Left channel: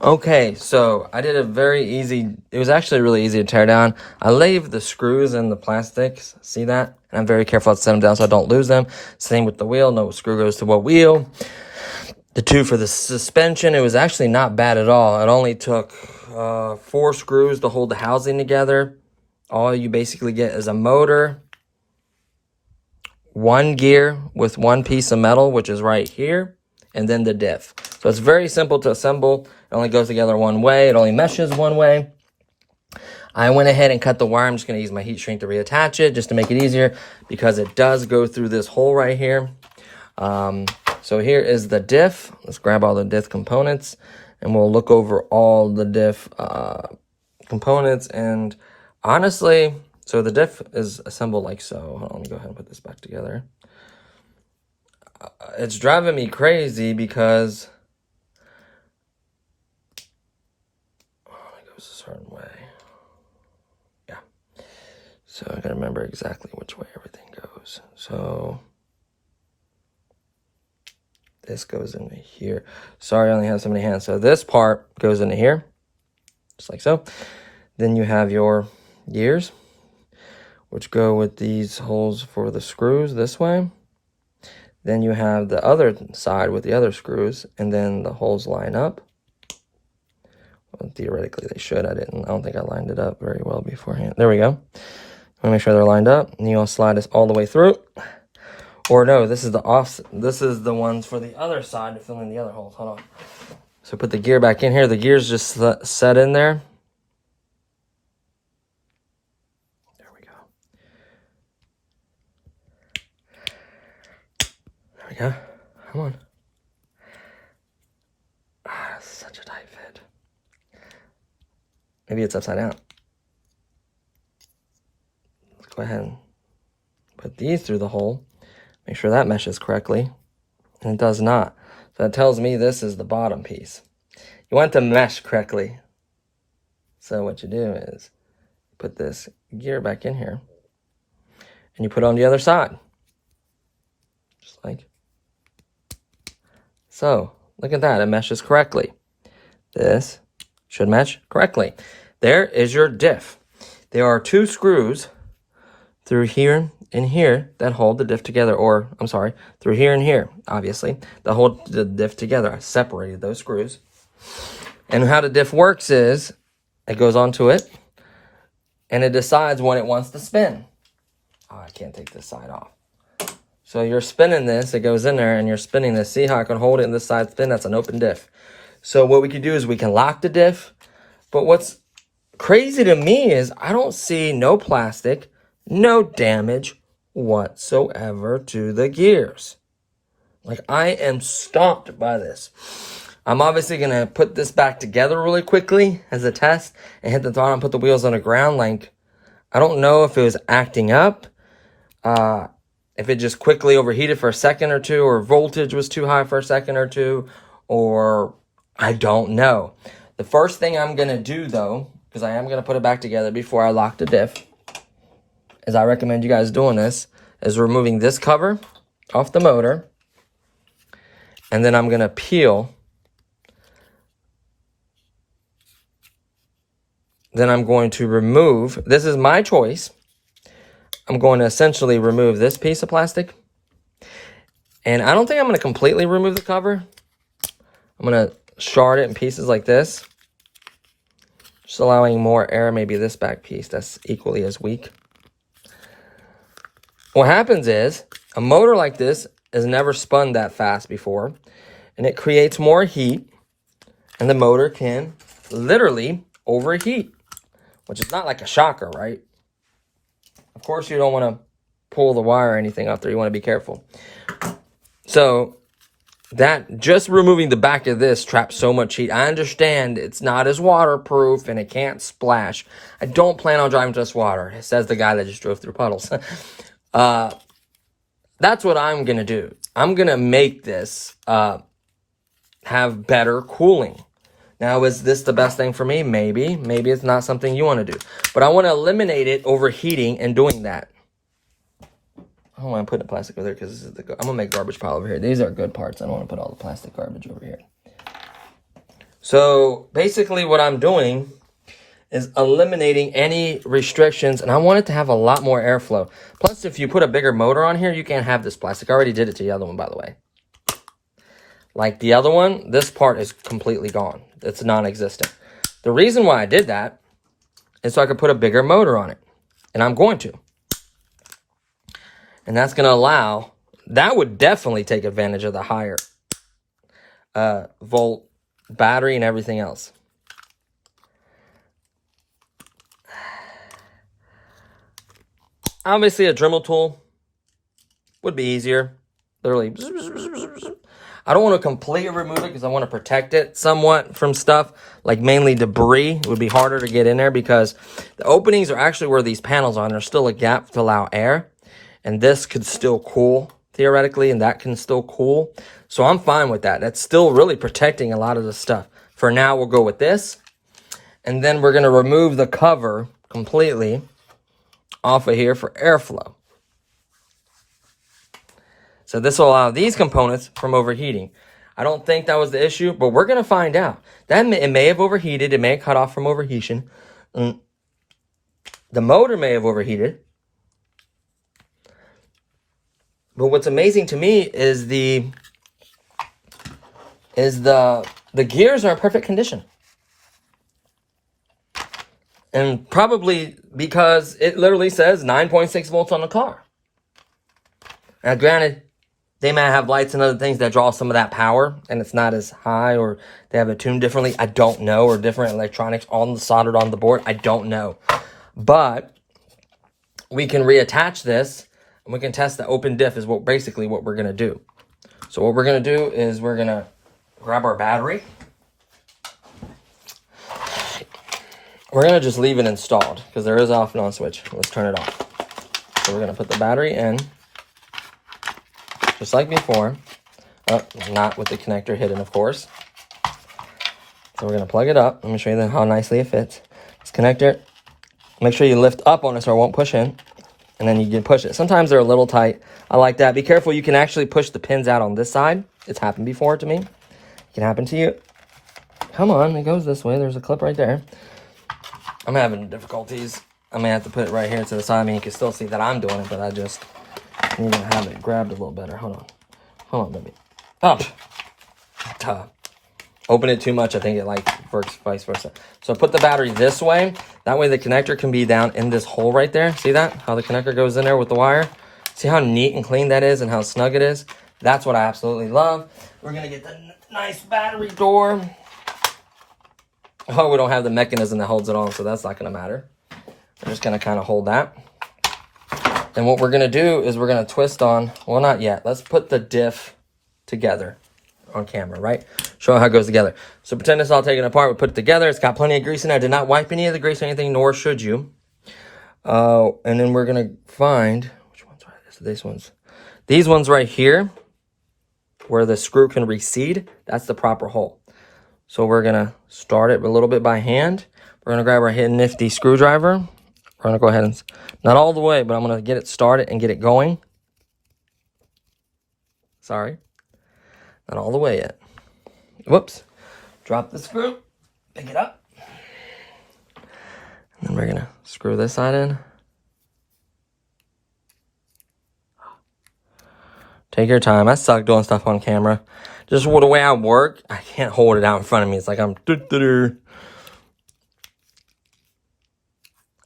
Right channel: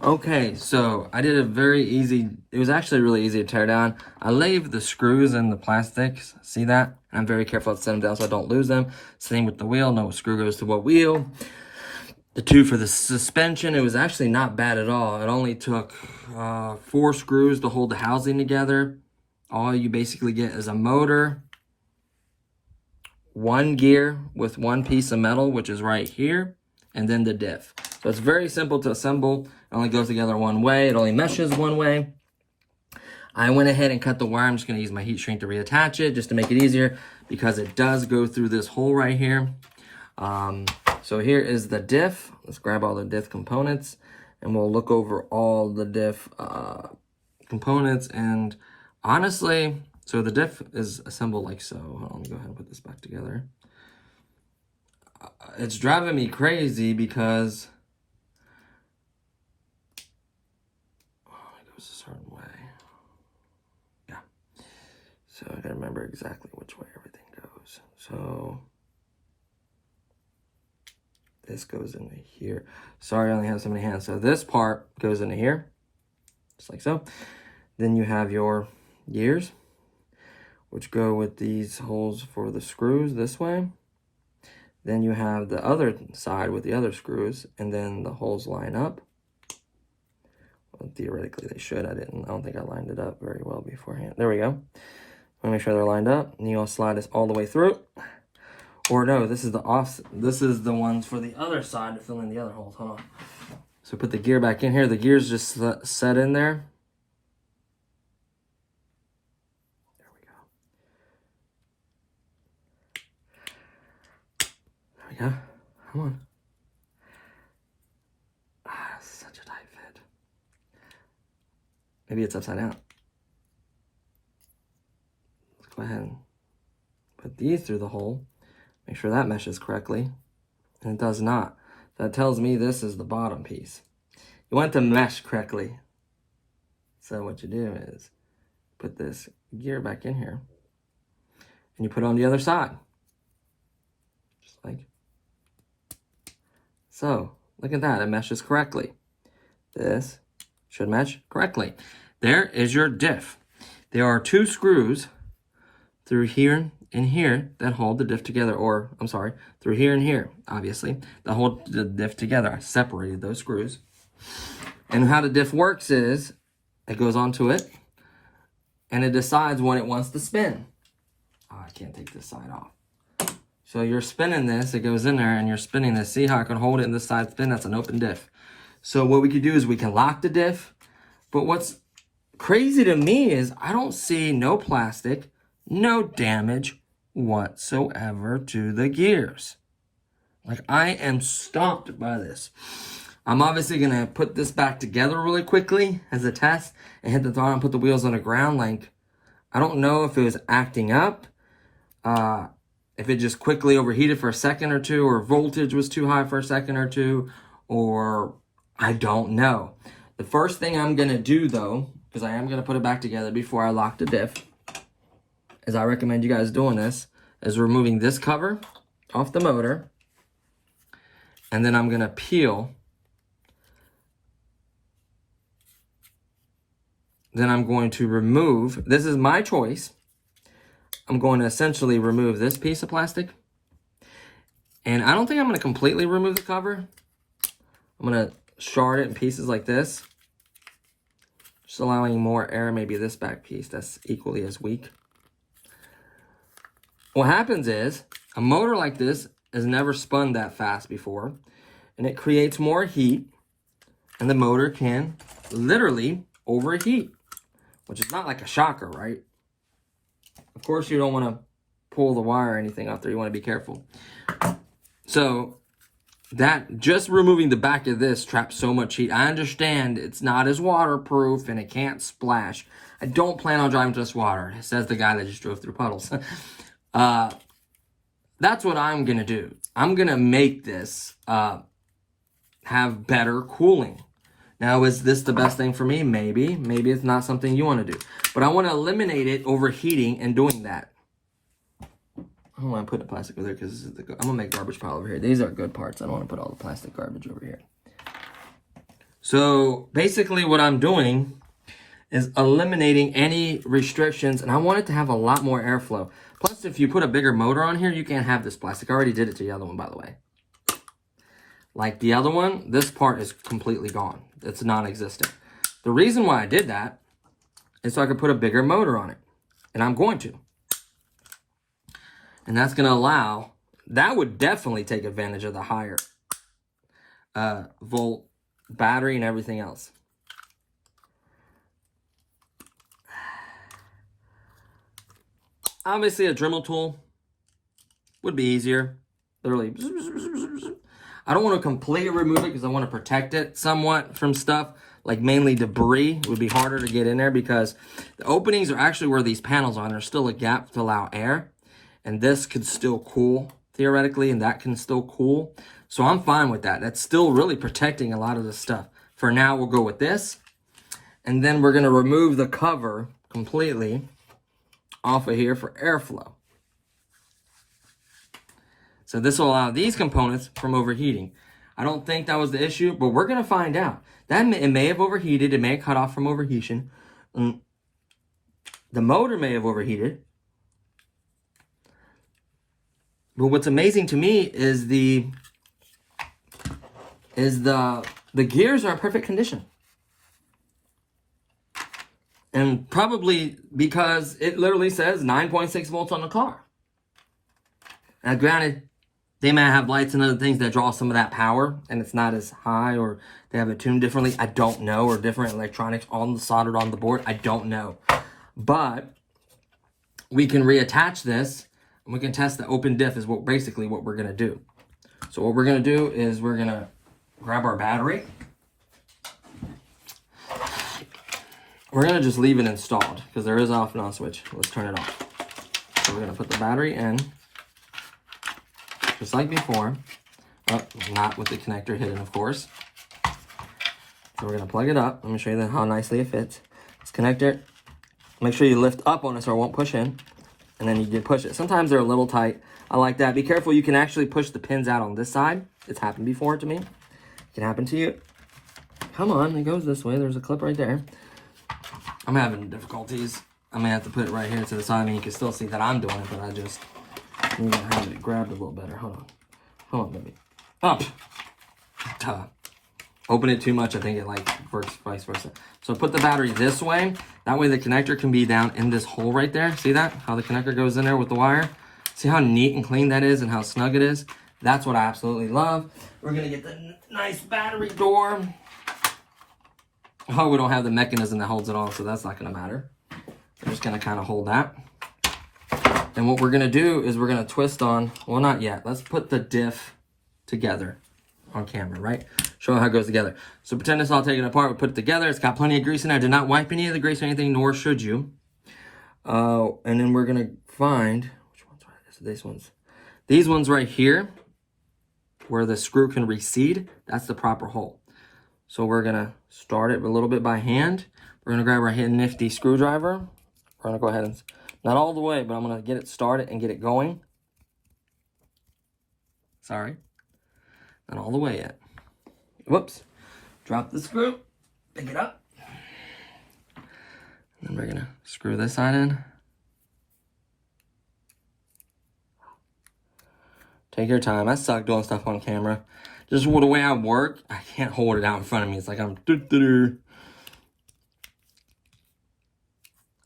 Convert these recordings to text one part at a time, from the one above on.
Okay, so I did a very easy, it was actually really easy to tear down. I laid the screws and the plastics, see that? And I'm very careful to set them down so I don't lose them. Same with the wheel, no screw goes to what wheel. The two for the suspension, it was actually not bad at all. It only took 4 screws to hold the housing together. All you basically get is a motor, 1 gear with 1 piece of metal, which is right here, and then the diff. So it's very simple to assemble. It only goes together one way. It only meshes one way. I went ahead and cut the wire. I'm just going to use my heat shrink to reattach it just to make it easier because it does go through this hole right here. So here is the diff. Let's grab all the diff components and we'll look over all the diff components. And honestly, so the diff is assembled like so. Hold on, let me go ahead and put this back together. It's driving me crazy because it goes a certain way. Yeah. So I gotta remember exactly which way everything goes. So this goes into here. Sorry, I only have so many hands. So this part goes into here, just like so. Then you have your gears, which go with these holes for the screws this way. Then you have the other side with the other screws, and then the holes line up. Well, theoretically, they should. I don't think I lined it up very well beforehand. There we go. I'm gonna make sure they're lined up, and you'll slide this all the way through. Or no, this is the off. This is the ones for the other side to fill in the other holes. Hold on. So put the gear back in here. The gear's just set in there. There we go. There we go. Come on. Ah, such a tight fit. Maybe it's upside down. Let's go ahead and put these through the hole. Make sure that meshes correctly. And it does not. So that tells me this is the bottom piece. You want to mesh correctly. So what you do is put this gear back in here. And you put it on the other side. Just like so. Look at that. It meshes correctly. This should mesh correctly. There is your diff. There are 2 screws through here and here that hold the diff together, or I'm sorry, through here and here, obviously, that hold the diff together. I separated those screws. And how the diff works is it goes onto it and it decides when it wants to spin. Oh, I can't take this side off. So you're spinning this, it goes in there and you're spinning this. See how I can hold it and this side spin? That's an open diff. So what we can do is we can lock the diff. But what's crazy to me is I don't see no plastic, no damage whatsoever to the gears. Like, I am stumped by this. I'm obviously going to put this back together really quickly as a test and hit the throttle and put the wheels on the ground. Like, I don't know if it was acting up, if it just quickly overheated for a second or two, or voltage was too high for a second or two, or I don't know. The first thing I'm going to do, though, because I am going to put it back together before I lock the diff, is I recommend you guys doing this, is removing this cover off the motor. And then I'm going to peel. Then I'm going to remove, this is my choice. I'm going to essentially remove this piece of plastic. And I don't think I'm going to completely remove the cover. I'm going to shard it in pieces like this. Just allowing more air, maybe this back piece that's equally as weak. What happens is, a motor like this has never spun that fast before, and it creates more heat, and the motor can literally overheat, which is not like a shocker, right? Of course, you don't want to pull the wire or anything up there. You want to be careful. So that just removing the back of this traps so much heat. I understand it's not as waterproof and it can't splash. I don't plan on driving just water, says the guy that just drove through puddles. That's what I'm going to do. I'm going to make this have better cooling. Now, is this the best thing for me? Maybe. Maybe it's not something you want to do. But I want to eliminate it overheating and doing that. I don't want to put the plastic over there because I'm going to make garbage pile over here. These are good parts. I don't want to put all the plastic garbage over here. So basically what I'm doing is eliminating any restrictions, and I want it to have a lot more airflow. Plus, if you put a bigger motor on here, you can't have this plastic. I already did it to the other one, by the way. Like the other one, this part is completely gone. It's non-existent. The reason why I did that is so I could put a bigger motor on it, and I'm going to. And that's going to allow, that would definitely take advantage of the higher volt battery and everything else. Obviously, a Dremel tool would be easier. Literally. I don't want to completely remove it because I want to protect it somewhat from stuff, like mainly debris. It would be harder to get in there because the openings are actually where these panels are, and there's still a gap to allow air. And this could still cool, theoretically, and that can still cool. So I'm fine with that. That's still really protecting a lot of the stuff. For now, we'll go with this. And then we're going to remove the cover completely off of here for airflow. So this will allow these components from overheating. I don't think that was the issue, but we're going to find out. It may have overheated. It may have cut off from overheating. The motor may have overheated. But what's amazing to me is the gears are in perfect condition. And probably because it literally says 9.6 volts on the car. Now, granted, they might have lights and other things that draw some of that power, and it's not as high, or they have it tuned differently. I don't know, or different electronics soldered on the board. I don't know. But we can reattach this, and we can test the open diff is basically what we're going to do. So what we're going to do is we're going to grab our battery. We're going to just leave it installed because there is an off and on switch. Let's turn it off. So we're going to put the battery in, just like before. Oh, not with the connector hidden, of course. So we're going to plug it up. Let me show you how nicely it fits. This connector, make sure you lift up on it so it won't push in. And then you can push it. Sometimes they're a little tight. I like that. Be careful. You can actually push the pins out on this side. It's happened before to me. It can happen to you. Come on. It goes this way. There's a clip right there. I'm having difficulties. I may have to put it right here to the side. I mean, you can still see that I'm doing it, but I just need to have it grabbed a little better. Hold on. Hold on, baby. Up. Open it too much. I think it works vice versa. So put the battery this way. That way the connector can be down in this hole right there. See that? How the connector goes in there with the wire? See how neat and clean that is and how snug it is? That's what I absolutely love. We're going to get the nice battery door. Oh, we don't have the mechanism that holds it on, so that's not going to matter. We're just going to kind of hold that. And what we're going to do is we're going to twist on, well, not yet. Let's put the diff together on camera, right? Show how it goes together. So pretend it's all taken apart. We put it together. It's got plenty of grease in there. I did not wipe any of the grease or anything, nor should you. And then we're going to find, which one's right? So these ones. These ones right here, where the screw can recede, that's the proper hole. So we're going to start it a little bit by hand. We're going to grab our nifty screwdriver. We're going to go ahead and, not all the way, but I'm going to get it started and get it going. Sorry. Not all the way yet. Whoops. Drop the screw. Pick it up. And then we're going to screw this side in. Take your time. I suck doing stuff on camera. Just the way I work, I can't hold it out in front of me. It's like I'm...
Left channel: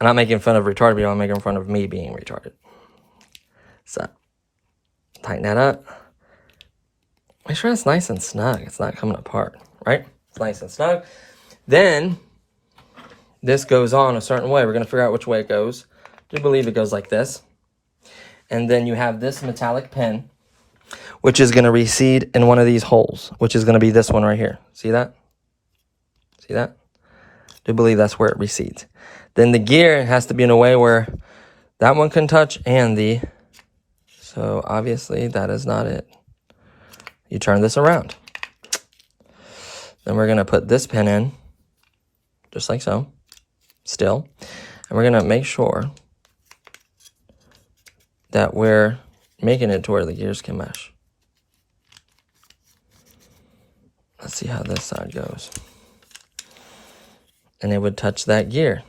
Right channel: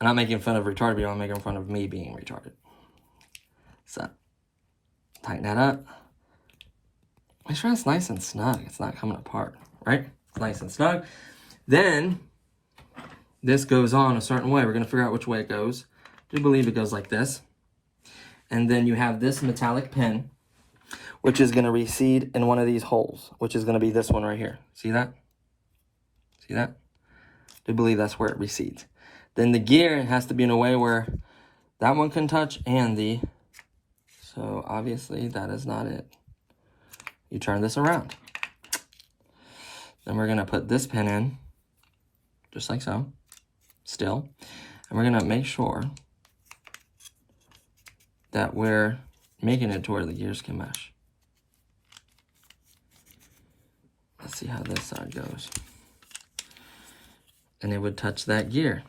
I'm not making fun of retarded people. I'm making fun of me being retarded. So, tighten that up. Make sure it's nice and snug. It's not coming apart, right? It's nice and snug. Then, this goes on a certain way. We're going to figure out which way it goes. I do believe it goes like this. And then you have this metallic pin, which is going to recede in one of these holes, which is going to be this one right here. See that? See that? I do believe that's where it recedes. Then the gear has to be in a way where that one can touch and the... So obviously that is not it. You turn this around. Then we're going to put this pin in, just like so, still. And we're going to make sure that we're making it to where the gears can mesh. Let's see how this side goes. And it would touch that gear.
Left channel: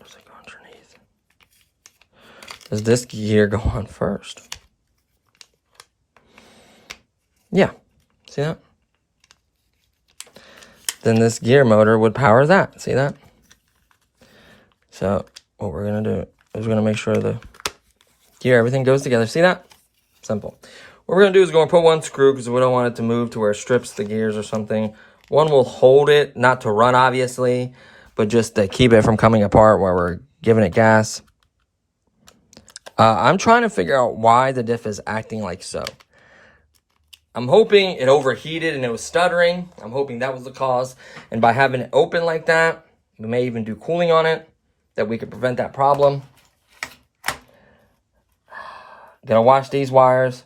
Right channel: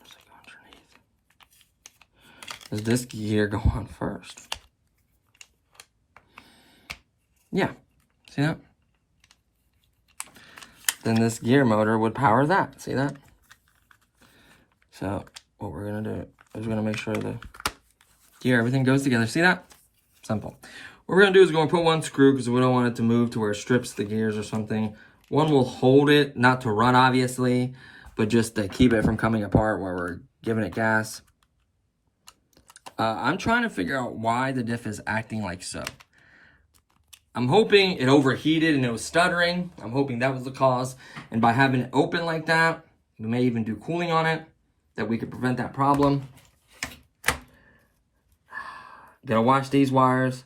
Does it go underneath? Does this gear go on first? Yeah, see that? Then this gear motor would power that, see that? So what we're gonna do is we're gonna make sure the gear, everything goes together. See that? Simple. What we're gonna do is go and put one screw because we don't want it to move to where it strips the gears or something. One will hold it, not to run obviously, but just to keep it from coming apart while we're giving it gas. I'm trying to figure out why the diff is acting like so. I'm hoping it overheated and it was stuttering. I'm hoping that was the cause. And by having it open like that, we may even do cooling on it, that we could prevent that problem. Gonna wash these wires.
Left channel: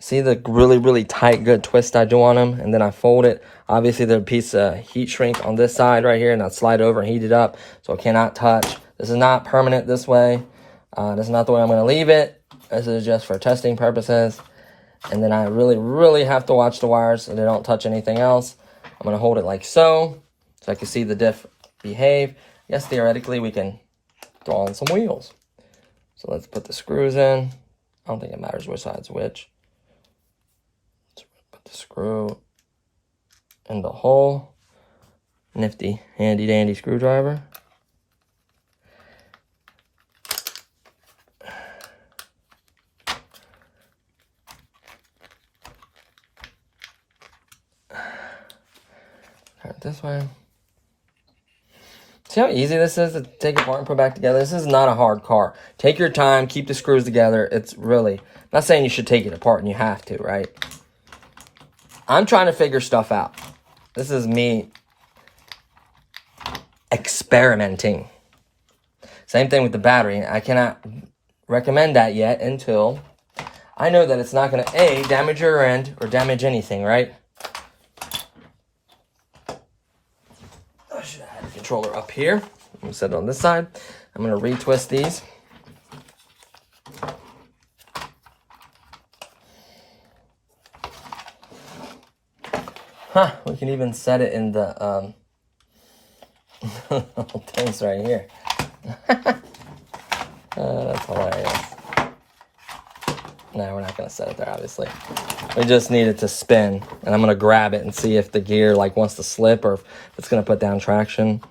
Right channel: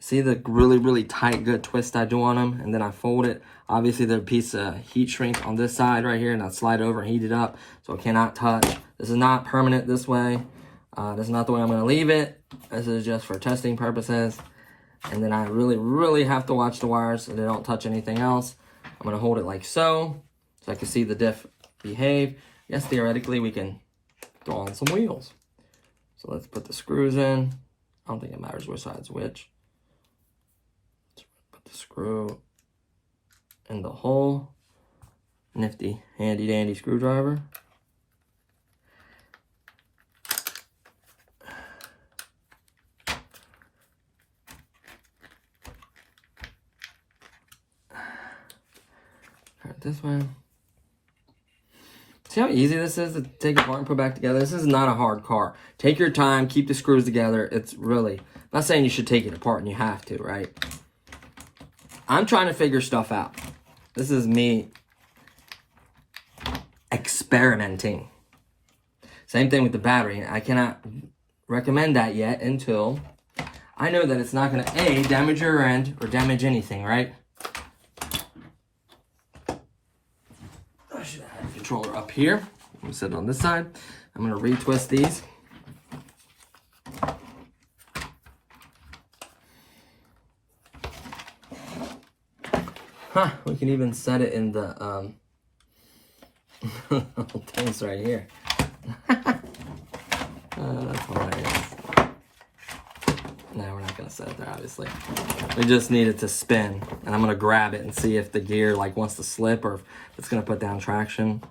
See the really, really tight, good twist I do on them, and then I fold it. Obviously, there's a piece of heat shrink on this side right here, and I'll slide over and heat it up, so it cannot touch. This is not permanent this way. This is not the way I'm gonna leave it. This is just for testing purposes. And then I really, really have to watch the wires so they don't touch anything else. I'm gonna hold it like so I can see the diff behave. Yes, theoretically, we can throw on some wheels. So let's put the screws in. I don't think it matters which side's which. Let's put the screw in the hole. Nifty, handy dandy screwdriver. Turn it this way. See how easy this is to take apart and put back together? This is not a hard car. Take your time, keep the screws together. It's really, I'm not saying you should take it apart and you have to, right? I'm trying to figure stuff out. This is me experimenting. Same thing with the battery. I cannot recommend that yet until I know that it's not going to, A, damage your end or damage anything, right? I should have had the controller up here. I'm going to set it on this side. I'm going to retwist these. Huh, we can even set it in the things right here. That's hilarious. No, we're not going to set it there, obviously. It just needed to spin, and I'm going to grab it and see if the gear like wants to slip or if it's going to put down traction.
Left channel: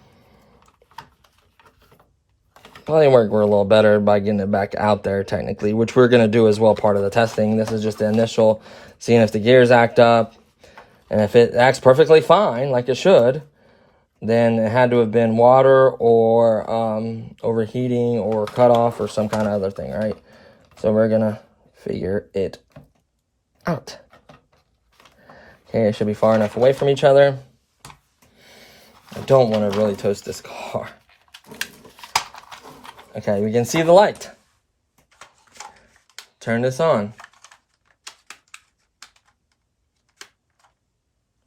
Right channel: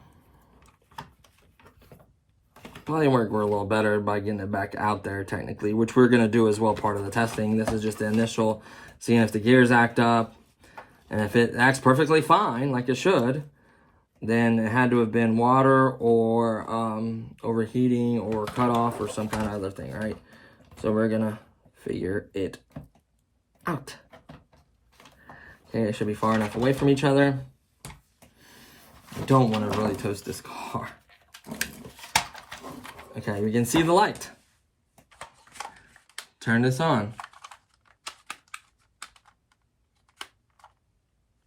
Probably work a little better by getting it back out there, technically, which we're going to do as well, part of the testing. This is just the initial, seeing if the gears act up. And if it acts perfectly fine, like it should, then it had to have been water or overheating or cut off or some kind of other thing, right? So we're going to figure it out. Okay, it should be far enough away from each other. I don't want to really toast this car. Okay, we can see the light. Turn this on.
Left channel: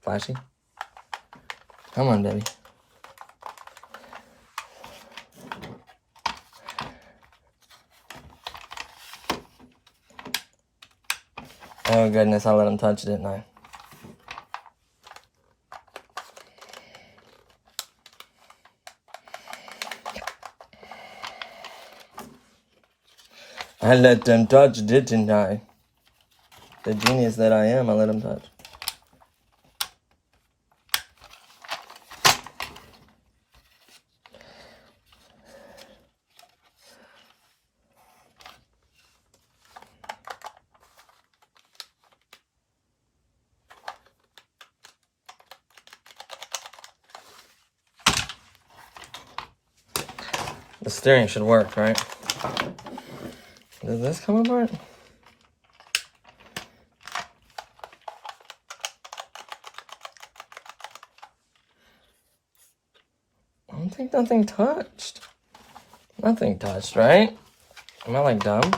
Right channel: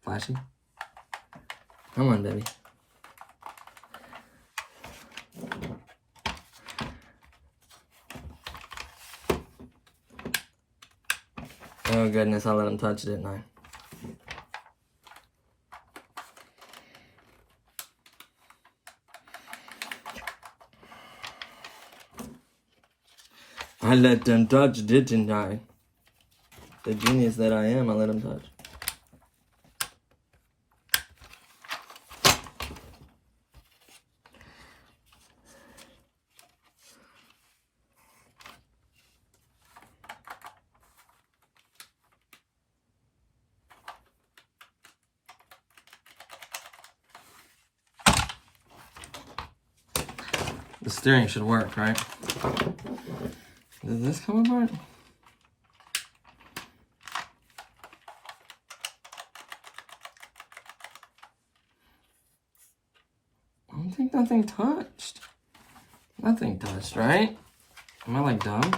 Flashy. Come on, baby. Oh goodness, I let him touch it, didn't I? I let them touch, didn't I? The genius that I am, I let them touch. The steering should work, right? Does this come apart? I don't think nothing touched. Nothing touched, right? Am I like dumb?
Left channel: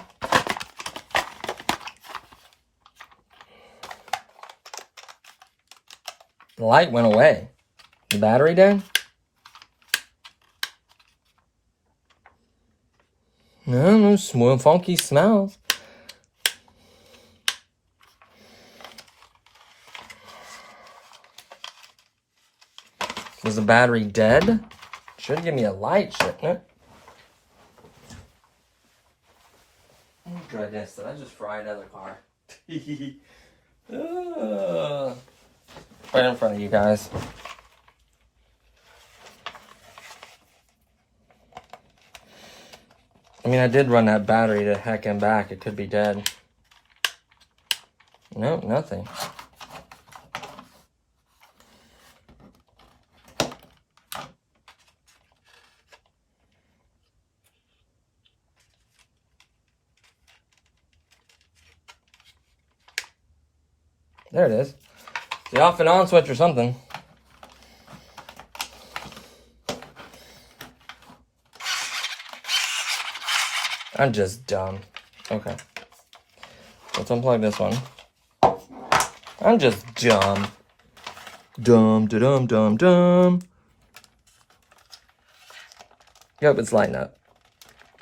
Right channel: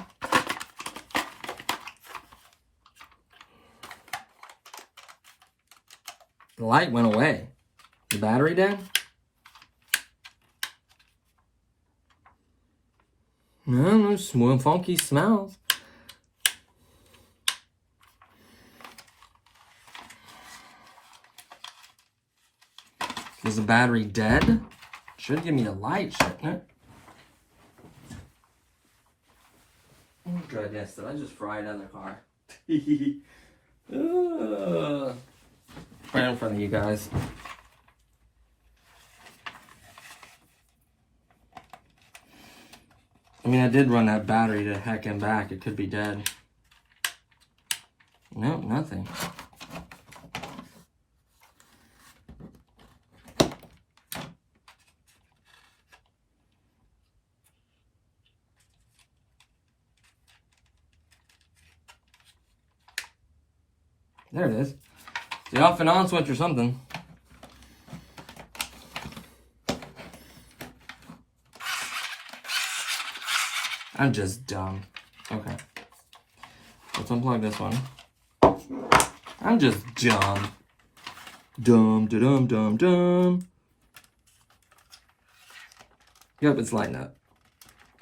The light went away. The battery did? No smooth, funky smells. Is the battery dead? Should give me a light, shouldn't it? Oh goodness, did I just fry another car? Right in front of you guys. I mean, I did run that battery to heck and back. It could be dead. Nope, nothing. There it is. The off and on switch or something. I'm just dumb. Okay. Let's unplug this one. I'm just dumb. Dumb. Yep, it's lighting up.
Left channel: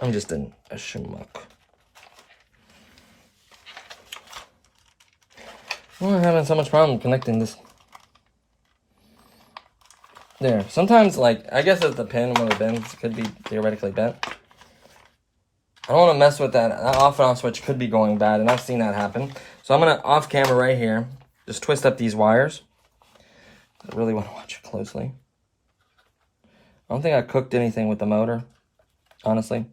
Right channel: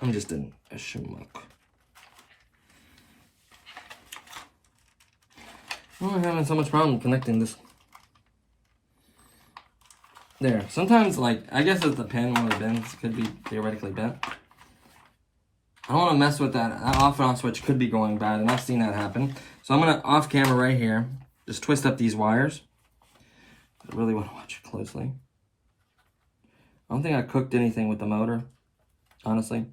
I'm just a schmuck. Well, I'm having so much problem connecting this. There. Sometimes, like, I guess it's the pin when it bends. It could be theoretically bent. I don't want to mess with that. That off and on switch could be going bad, and I've seen that happen. So I'm going to, off camera right here, just twist up these wires. I really want to watch it closely. I don't think I cooked anything with the motor, honestly.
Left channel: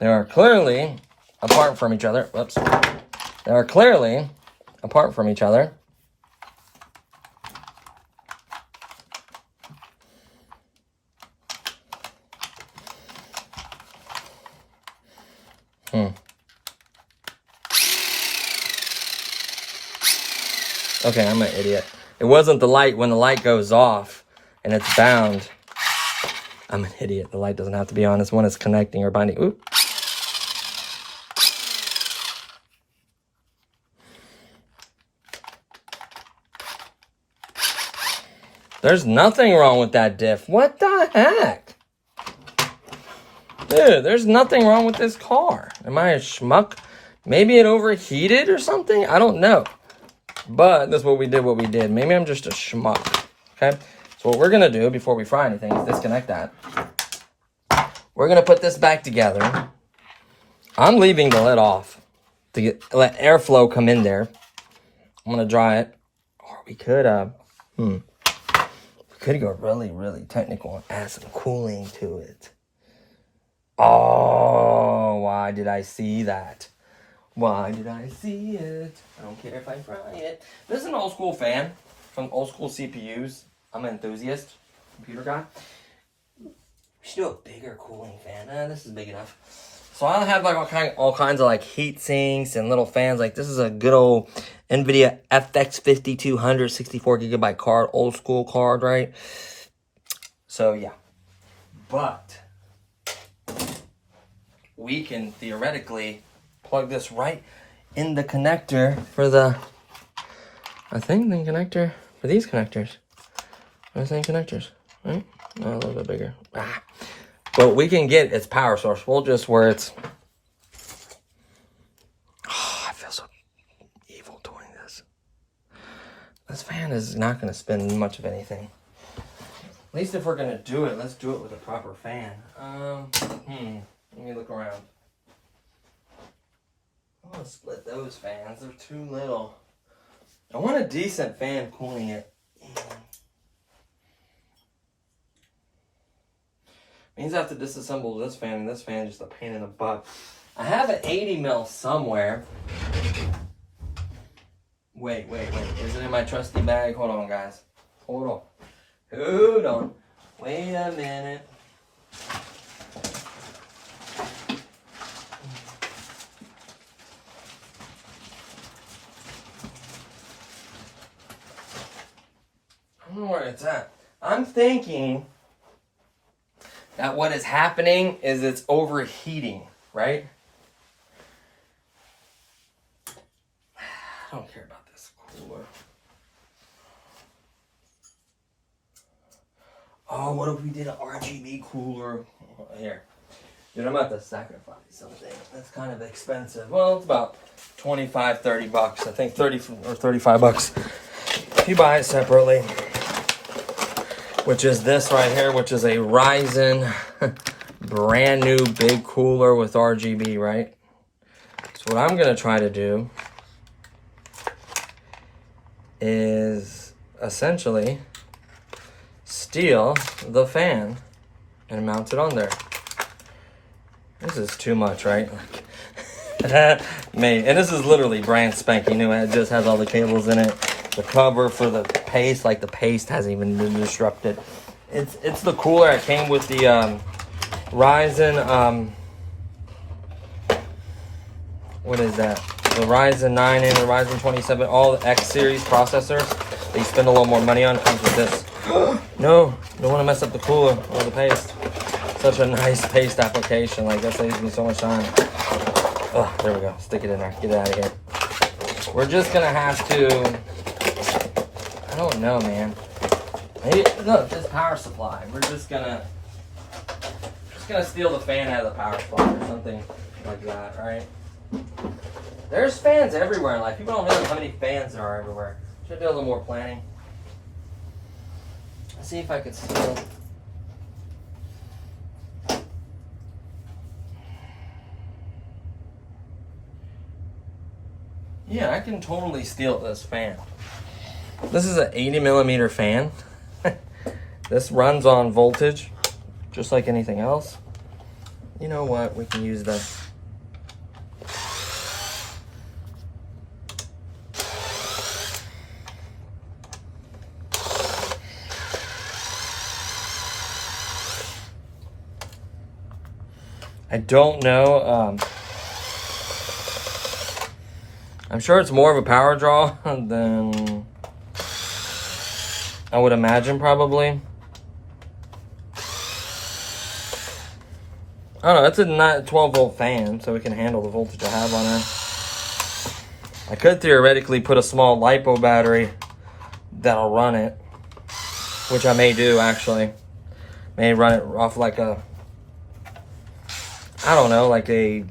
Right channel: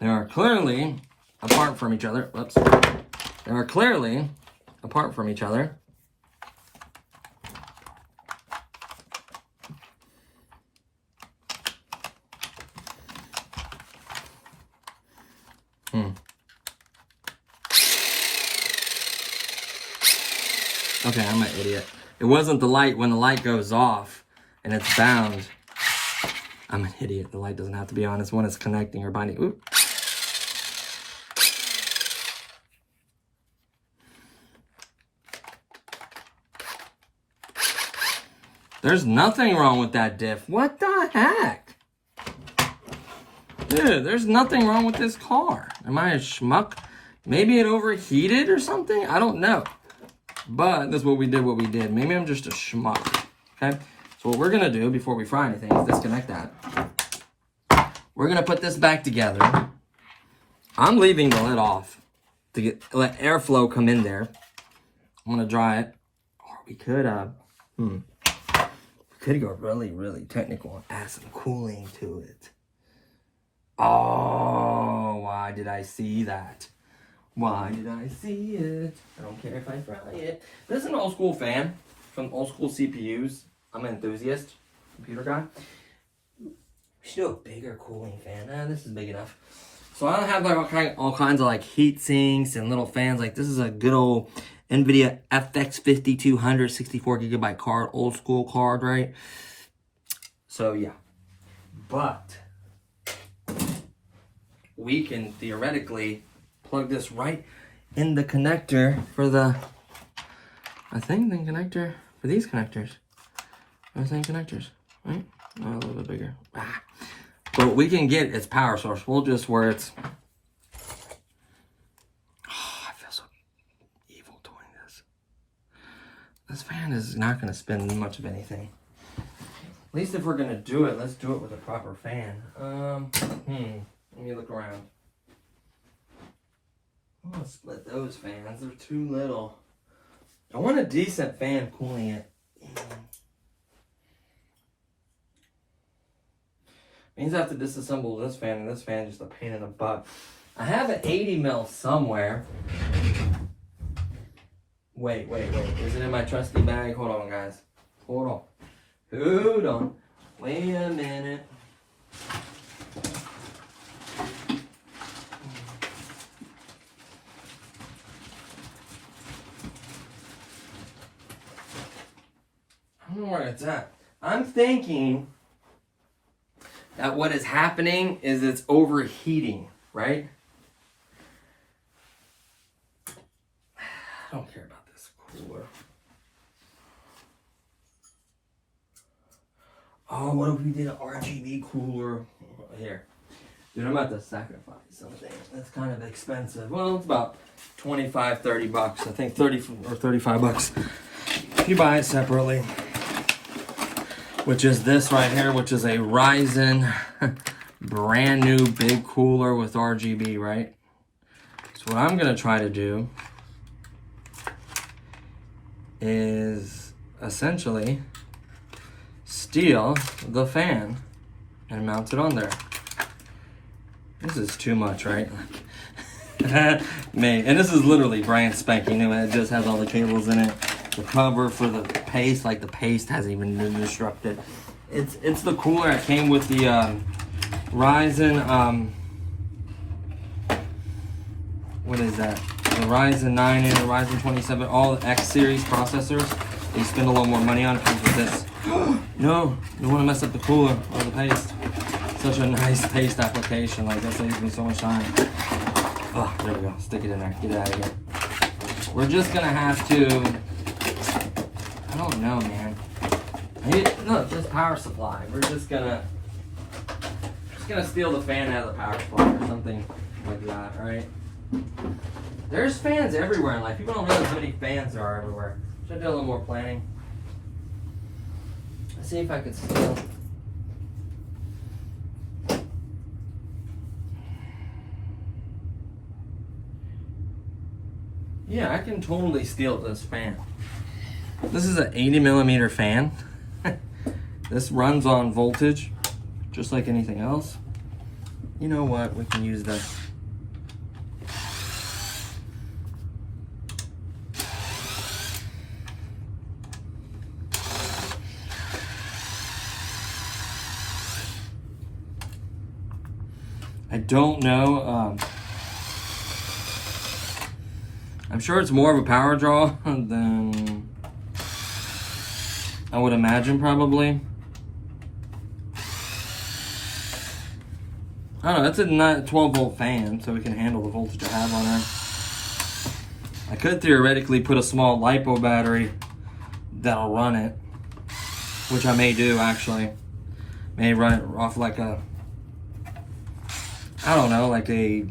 They are clearly apart from each other. Whoops. They are clearly apart from each other. Okay, I'm an idiot. It wasn't the light when the light goes off and it's bound. I'm an idiot. The light doesn't have to be on. It's when it's connecting or binding. Oop. There's nothing wrong with that diff. What the heck? Dude, there's nothing wrong with this car. Am I a schmuck? Maybe it overheated or something? I don't know. But that's what we did. Maybe I'm just a schmuck. Okay? So what we're going to do before we fry anything is disconnect that. We're going to put this back together. I'm leaving the lid off to let airflow come in there. I'm going to dry it. Or we could, we could go really, really technical and add some cooling to it. Oh, why did I see that? Why did I see it? I don't care if I fry it. This is an old school fan from old school CPUs. I'm an enthusiast, computer guy. We should do a bigger cooling fan. This is big enough. So I'll have like all kinds of like heat sinks and little fans. Like this is a good old NVIDIA FX 5200 64GB card, old school card, right? So yeah, but we can theoretically plug this right in the connector for the, I think the connector for these connectors. Are the same connectors, right? No, a little bit bigger. But we can get its power source. We'll just where it's, oh, I feel so evil doing this. This fan is not going to spin much of anything. At least if we're going to do it, let's do it with a proper fan. Let me look around. I'm going to split those fans. They're too little. I want a decent fan cooling it. Means I have to disassemble this fan, and this fan is just a pain in the butt. I have an 80 mil somewhere. Wait. Is it in my trusty bag? Hold on, guys. Hold on. Wait a minute. I don't know where it's at. I'm thinking that what is happening is it's overheating, right? I don't care about this cooler. Oh, what if we did an RGB cooler? Here. Dude, I'm about to sacrifice something. That's kind of expensive. Well, it's about 25, 30 bucks. I think 30 or 35 bucks if you buy it separately. Which is this right here, which is a Ryzen brand new big cooler with RGB, right? So what I'm gonna try to do is essentially steal the fan and mount it on there. This is too much, right? Man, and this is literally brand spanking new. It just has all the cables in it. The cover for the paste, like the paste hasn't even been constructed. It's the cooler. It came with the Ryzen, what is that? The Ryzen 9 and the Ryzen 27, all the X series processors. They spend a little more money on. Comes with this. No, don't want to mess up the cooler or the paste. Such a nice paste application. Like that saves me so much time. Oh, there we go. Stick it in there. Get it out of here. We're just gonna have to. I don't know, man. Maybe look, this power supply. We're just gonna steal the fan out of the power supply or something like that, right? There's fans everywhere in life. People don't realize how many fans there are everywhere. Should do a little more planning. Let's see if I can steal. Yeah, I can totally steal this fan. This is an 80 millimeter fan. This runs on voltage, just like anything else. You know what? We can use the I don't know. I'm sure it's more of a power draw than I would imagine, probably. I don't know, it's a 12 volt fan, so we can handle the voltage I have on it. I could theoretically put a small LiPo battery that'll run it, which I may do actually. May run it off like a, I don't know, like a,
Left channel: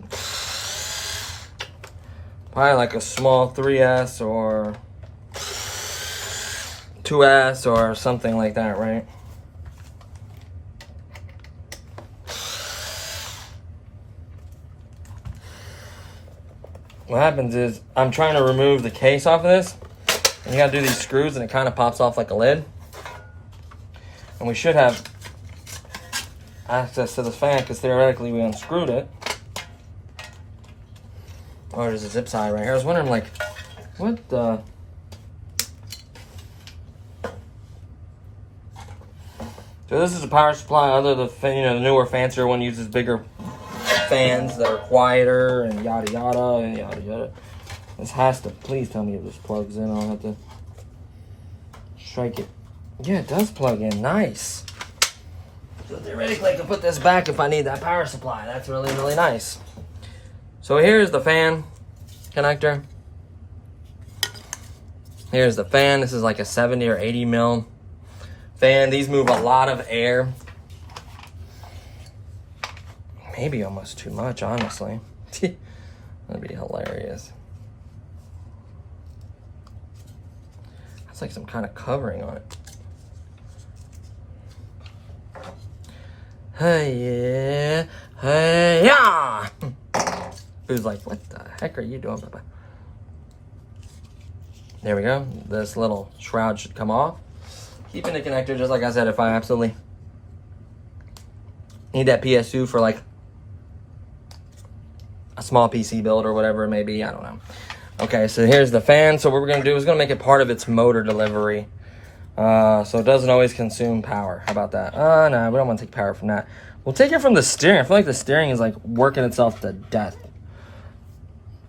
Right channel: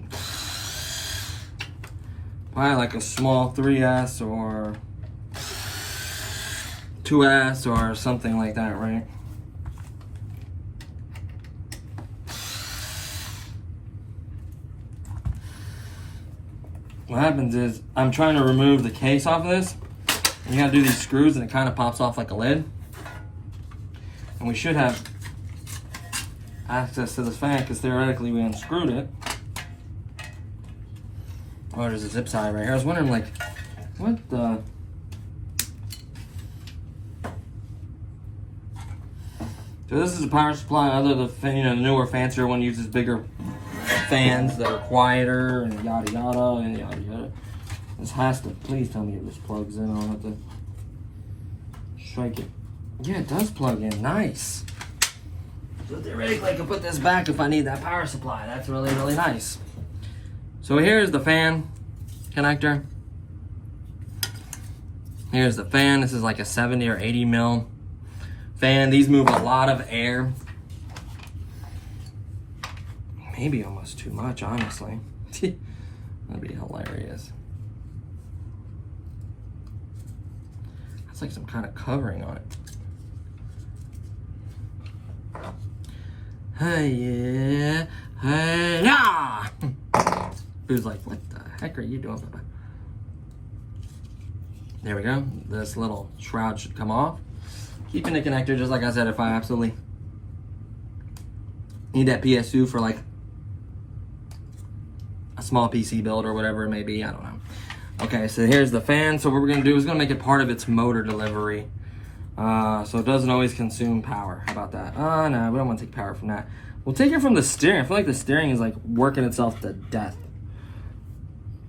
probably like a small 3S or 2S or something like that, right? What happens is I'm trying to remove the case off of this, and you gotta do these screws and it kind of pops off like a lid. And we should have access to this fan because theoretically we unscrewed it. Oh, there's a zip tie right here. I was wondering, like, what the... So this is a power supply. Other than the newer, fancier one uses bigger fans that are quieter and yada yada and yada yada. This has to, please tell me if this plugs in. I'll have to strike it. Yeah, it does plug in. Nice. So theoretically I can put this back if I need that power supply. That's really, really nice. So here's the fan connector. Here's the fan. This is like a 70 or 80 mil fan. These move a lot of air. Maybe almost too much, honestly. That'd be hilarious. That's like some kind of covering on it. Hey, yeah. Hey, yeah. Who's like, what the heck are you doing, Bubba? There we go. This little shroud should come off. Keeping the connector, just like I said, if I absolutely Need that PSU for like a small PC build or whatever it may be. I don't know. Okay, so here's the fan. So what we're gonna do is gonna make it part of its motor delivery. So it doesn't always consume power. How about that? No, we don't want to take power from that. We'll take it from the steering. I feel like the steering is like working itself to death.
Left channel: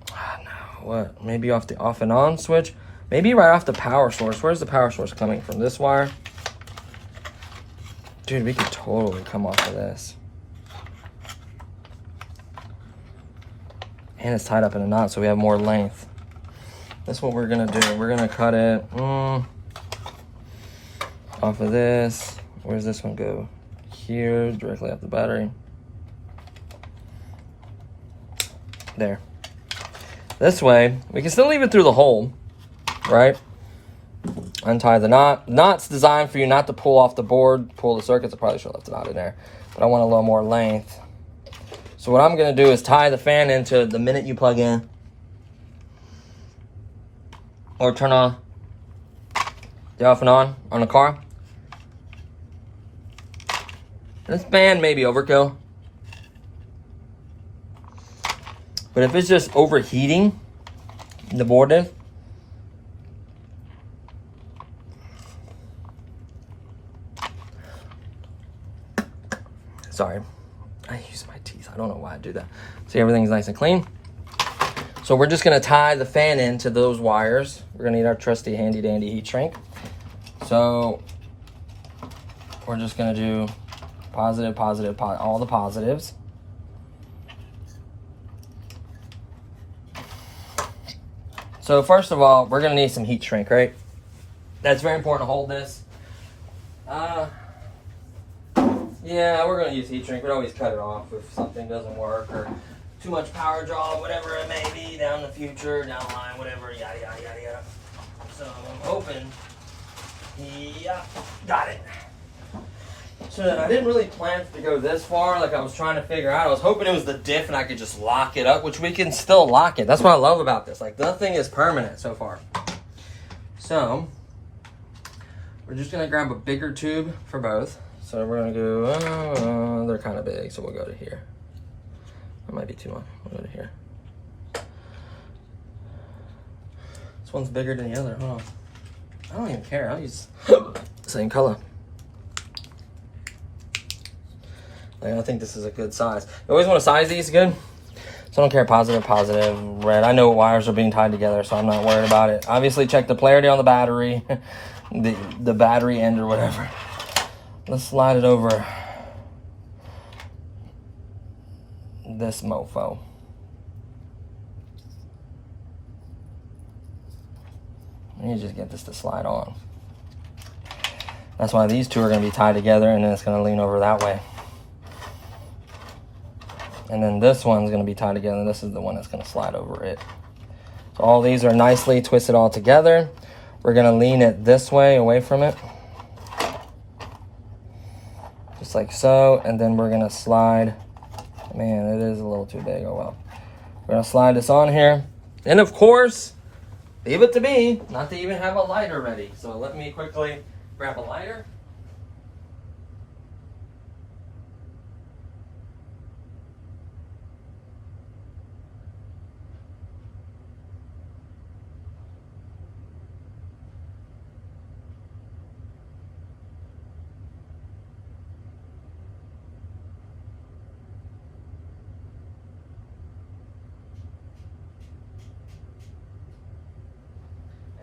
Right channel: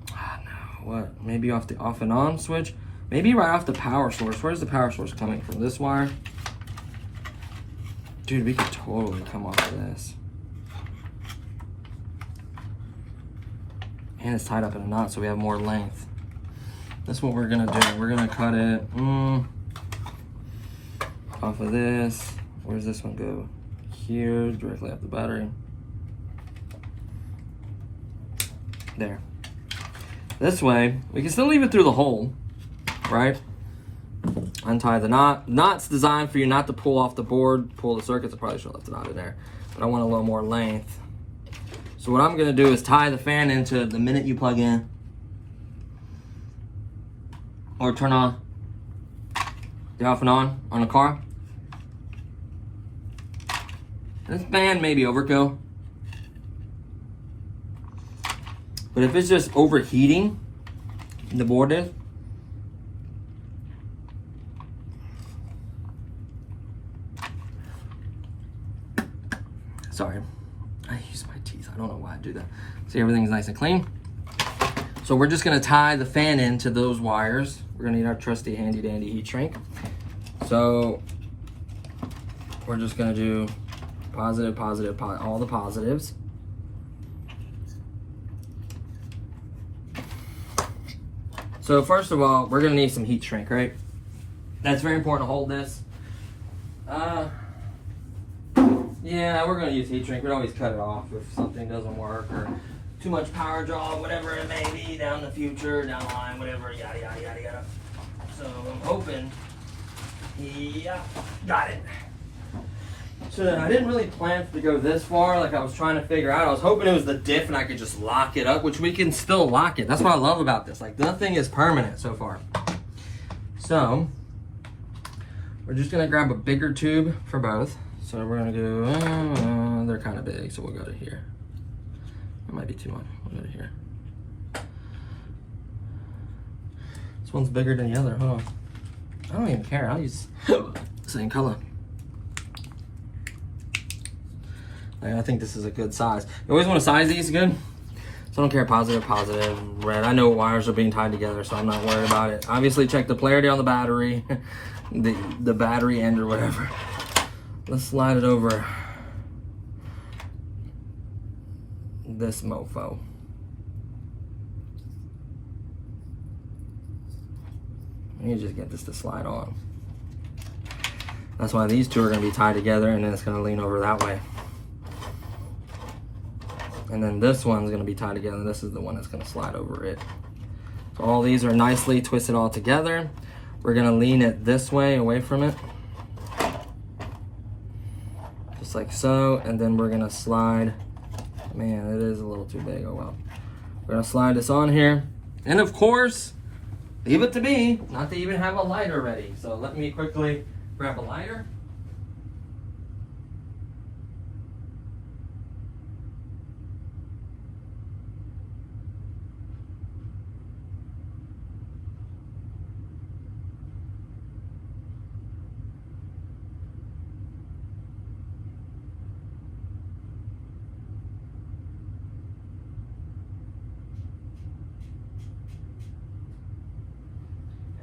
No, what? Maybe off the off and on switch? Maybe right off the power source. Where's the power source coming from? This wire? Dude, we could totally come off of this. And it's tied up in a knot, so we have more length. That's what we're gonna do. We're gonna cut it off of this. Where's this one go? Here, directly off the battery. There. This way, we can still leave it through the hole, right? Untie the knot. Knot's designed for you not to pull off the board, pull the circuits. I probably should have left the knot in there, but I want a little more length. So what I'm gonna do is tie the fan into the minute you plug in or turn on the off and on the car. This fan may be overkill, but if it's just overheating, the board is. Sorry, I use my teeth. I don't know why I do that. See, everything's nice and clean. So we're just gonna tie the fan into those wires. We're gonna need our trusty handy dandy heat shrink. So we're just gonna do positive, positive, all the positives. So first of all, we're gonna need some heat shrink, right? That's very important to hold this. Yeah, we're gonna use heat shrink. We always cut it off if something doesn't work or too much power draw, whatever it may be down the future, down the line, whatever, yada, yada, yada, yada. So I'm hoping, yeah, got it. So I didn't really plan to go this far, like I was trying to figure out. I was hoping it was the diff and I could just lock it up, which we can still lock it. That's what I love about this. Like, nothing is permanent so far. So we're just gonna grab a bigger tube for both. So we're gonna go, they're kind of big, so we'll go to here. That might be too much. We'll go to here. This one's bigger than the other, huh? I don't even care, I'll use the same color. I think this is a good size. You always want to size these good. So I don't care, positive, positive, red. I know wires are being tied together, so I'm not worried about it. Obviously check the polarity on the battery, the battery end or whatever. Let's slide it over this mofo. Let me just get this to slide on. That's why these two are going to be tied together, and then it's going to lean over that way. And then this one's going to be tied together. This is the one that's going to slide over it. So all these are nicely twisted all together. We're going to lean it this way, away from it. Just like so. And then we're going to slide. Man, it is a little too big. Oh well. We're going to slide this on here. And of course, leave it to me not to even have a lighter ready. So let me quickly grab a lighter.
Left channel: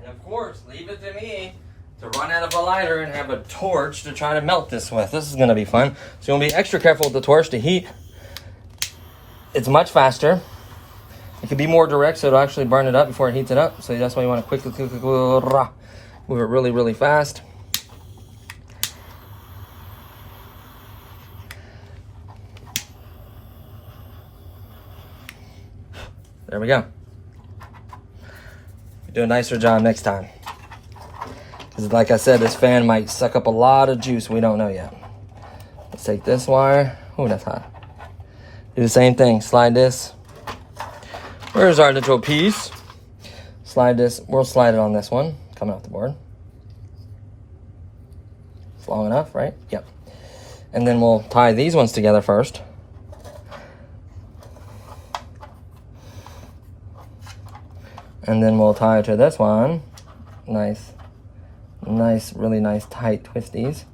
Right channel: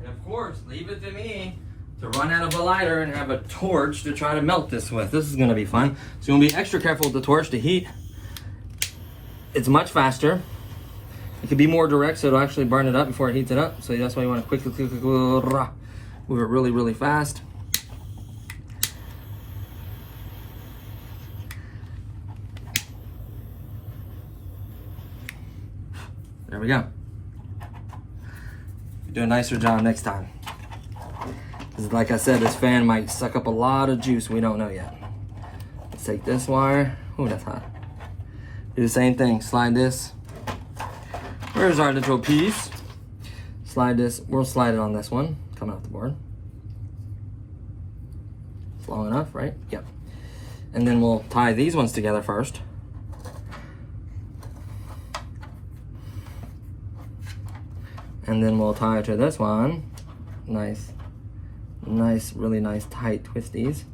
Of course, leave it to me to run out of a lighter and have a torch to try to melt this with. This is going to be fun. So you're going to be extra careful with the torch. The heat, it's much faster. It can be more direct, so it'll actually burn it up before it heats it up. So that's why you want to quickly move it really, really fast. There we go. Do a nicer job next time. Because like I said, this fan might suck up a lot of juice. We don't know yet. Let's take this wire. Oh, that's hot. Do the same thing. Slide this. Where's our little piece? Slide this. We'll slide it on this one. Coming off the board. It's long enough, right? Yep. And then we'll tie these ones together first. And then we'll tie to this one. Nice, really nice tight twisties.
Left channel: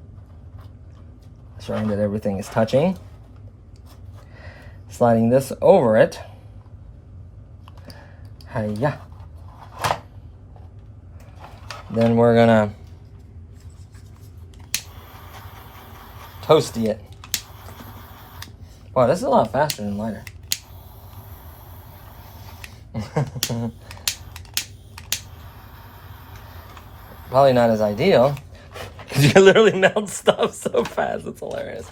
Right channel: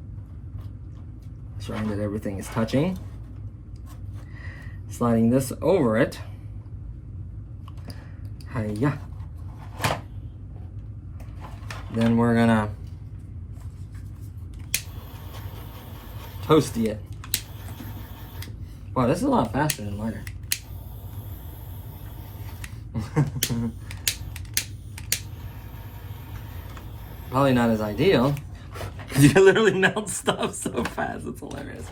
Showing that everything is touching. Sliding this over it. Hiya. Then we're gonna toasty it. Wow, this is a lot faster than lighter. Probably not as ideal. You literally melt stuff so fast, it's hilarious.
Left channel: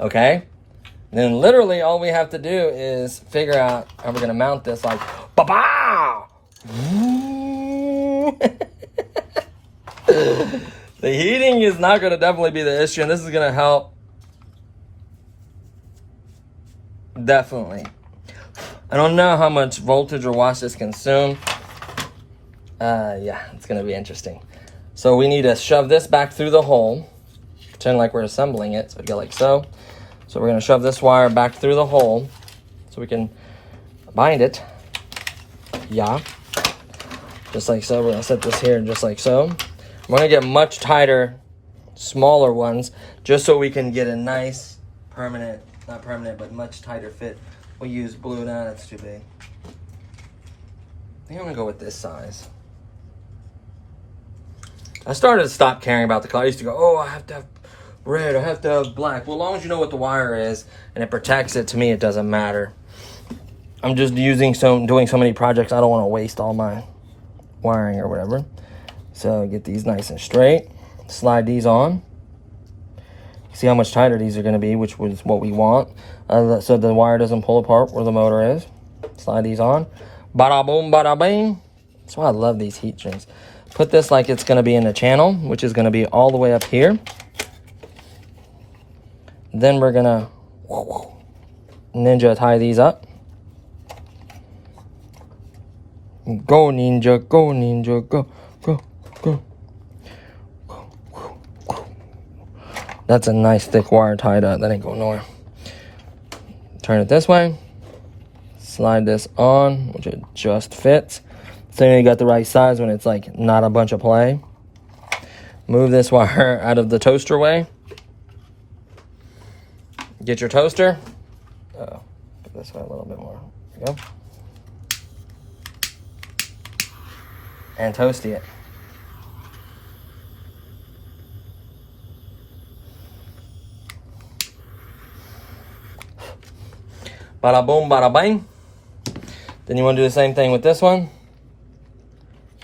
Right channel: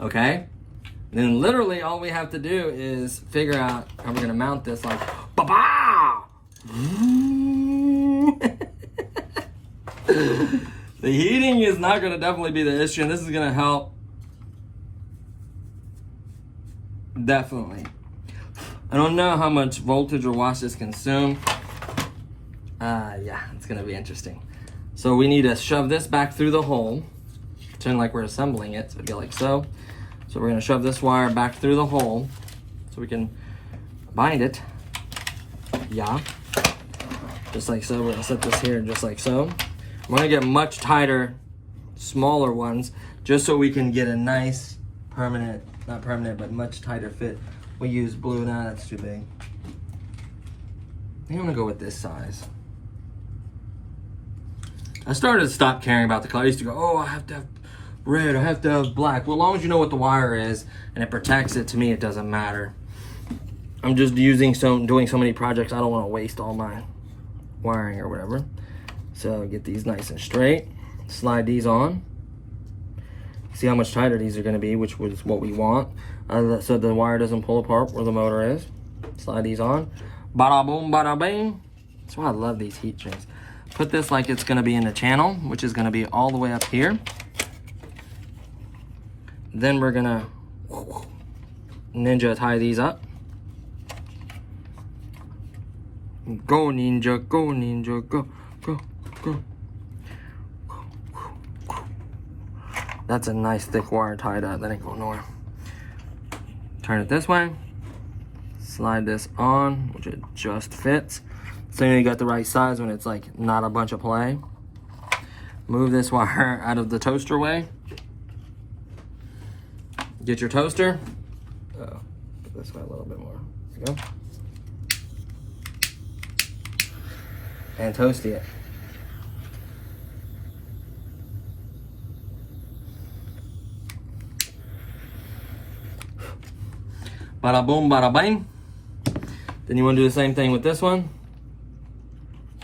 Okay? Then literally all we have to do is figure out how we're gonna mount this like ba-bow! The heating is not gonna definitely be the issue, and this is gonna help. Definitely. I don't know how much voltage or watts this consumes. Yeah, it's gonna be interesting. So we need to shove this back through the hole. Pretend like we're assembling it, so it'd go like so. So we're gonna shove this wire back through the hole so we can bind it. Yeah. Just like so. We're gonna set this here just like so. I'm gonna get much tighter, smaller ones, just so we can get a nice permanent, not permanent, but much tighter fit. We use blue. Now that's too big. I think I'm gonna go with this size. I started to stop caring about the color. I used to go, oh, I have to have red, I have to have black. Well, as long as you know what the wire is and it protects it, to me it doesn't matter. I'm just doing so many projects, I don't want to waste all my wiring or whatever. So get these nice and straight. Slide these on. See how much tighter these are going to be, which was what we want. So the wire doesn't pull apart where the motor is. Slide these on. Bada boom, bada bing. That's why I love these heat sinks. Put this like it's going to be in the channel, which is going to be all the way up here. Then we're going to ninja tie these up. Go ninja, go ninja, go, go, go. That's a nice thick wire tied up. That ain't going nowhere. Turn it this way. Slide this on, which it just fits. So you got the right size when it's like not a bunch of play. Move this wire out of the toaster way. Get your toaster. Uh-oh, this way a little bit more. There we go. And toasty it. Bada boom, bada bang. Then you want to do the same thing with this one.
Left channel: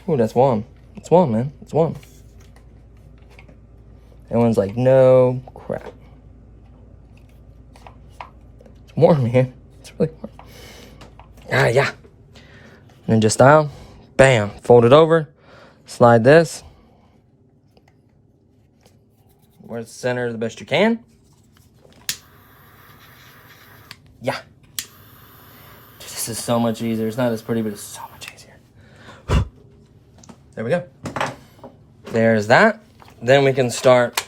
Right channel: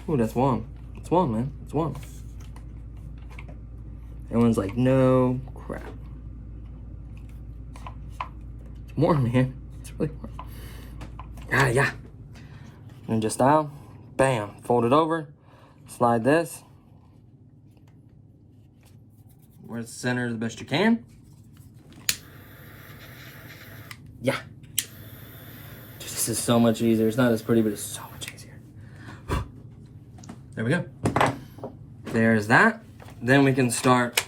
Ooh, that's warm. It's warm, man. It's warm. And one's like, no crap. It's warm, man. It's really warm. Ah, yeah. Ninja style. Bam. Fold it over. Slide this. Where it's centered the best you can. Yeah. This is so much easier. It's not as pretty, but it's so much easier. There we go. There's that. Then we can start.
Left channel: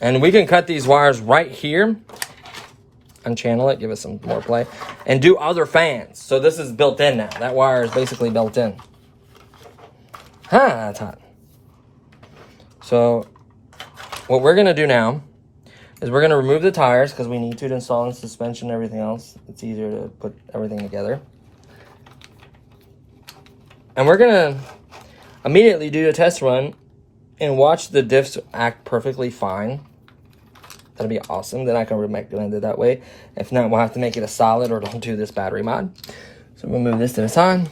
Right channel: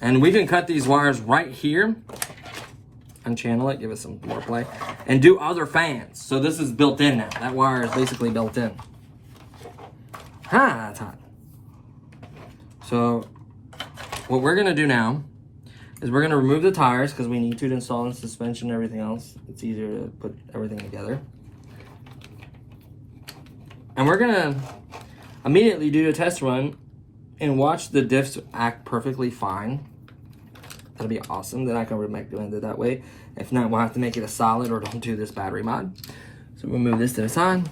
And we can cut these wires right here. Unchannel it, give it some more play. And do other fans. So this is built in now. That wire is basically built in. That's hot. So what we're gonna do now is we're gonna remove the tires because we need to install the suspension and everything else. It's easier to put everything together. And we're gonna immediately do a test run and watch the diffs act perfectly fine. That'll be awesome. Then I can recommend it that way. If not, we'll have to make it a solid or don't do this battery mod. So we'll move this to the side.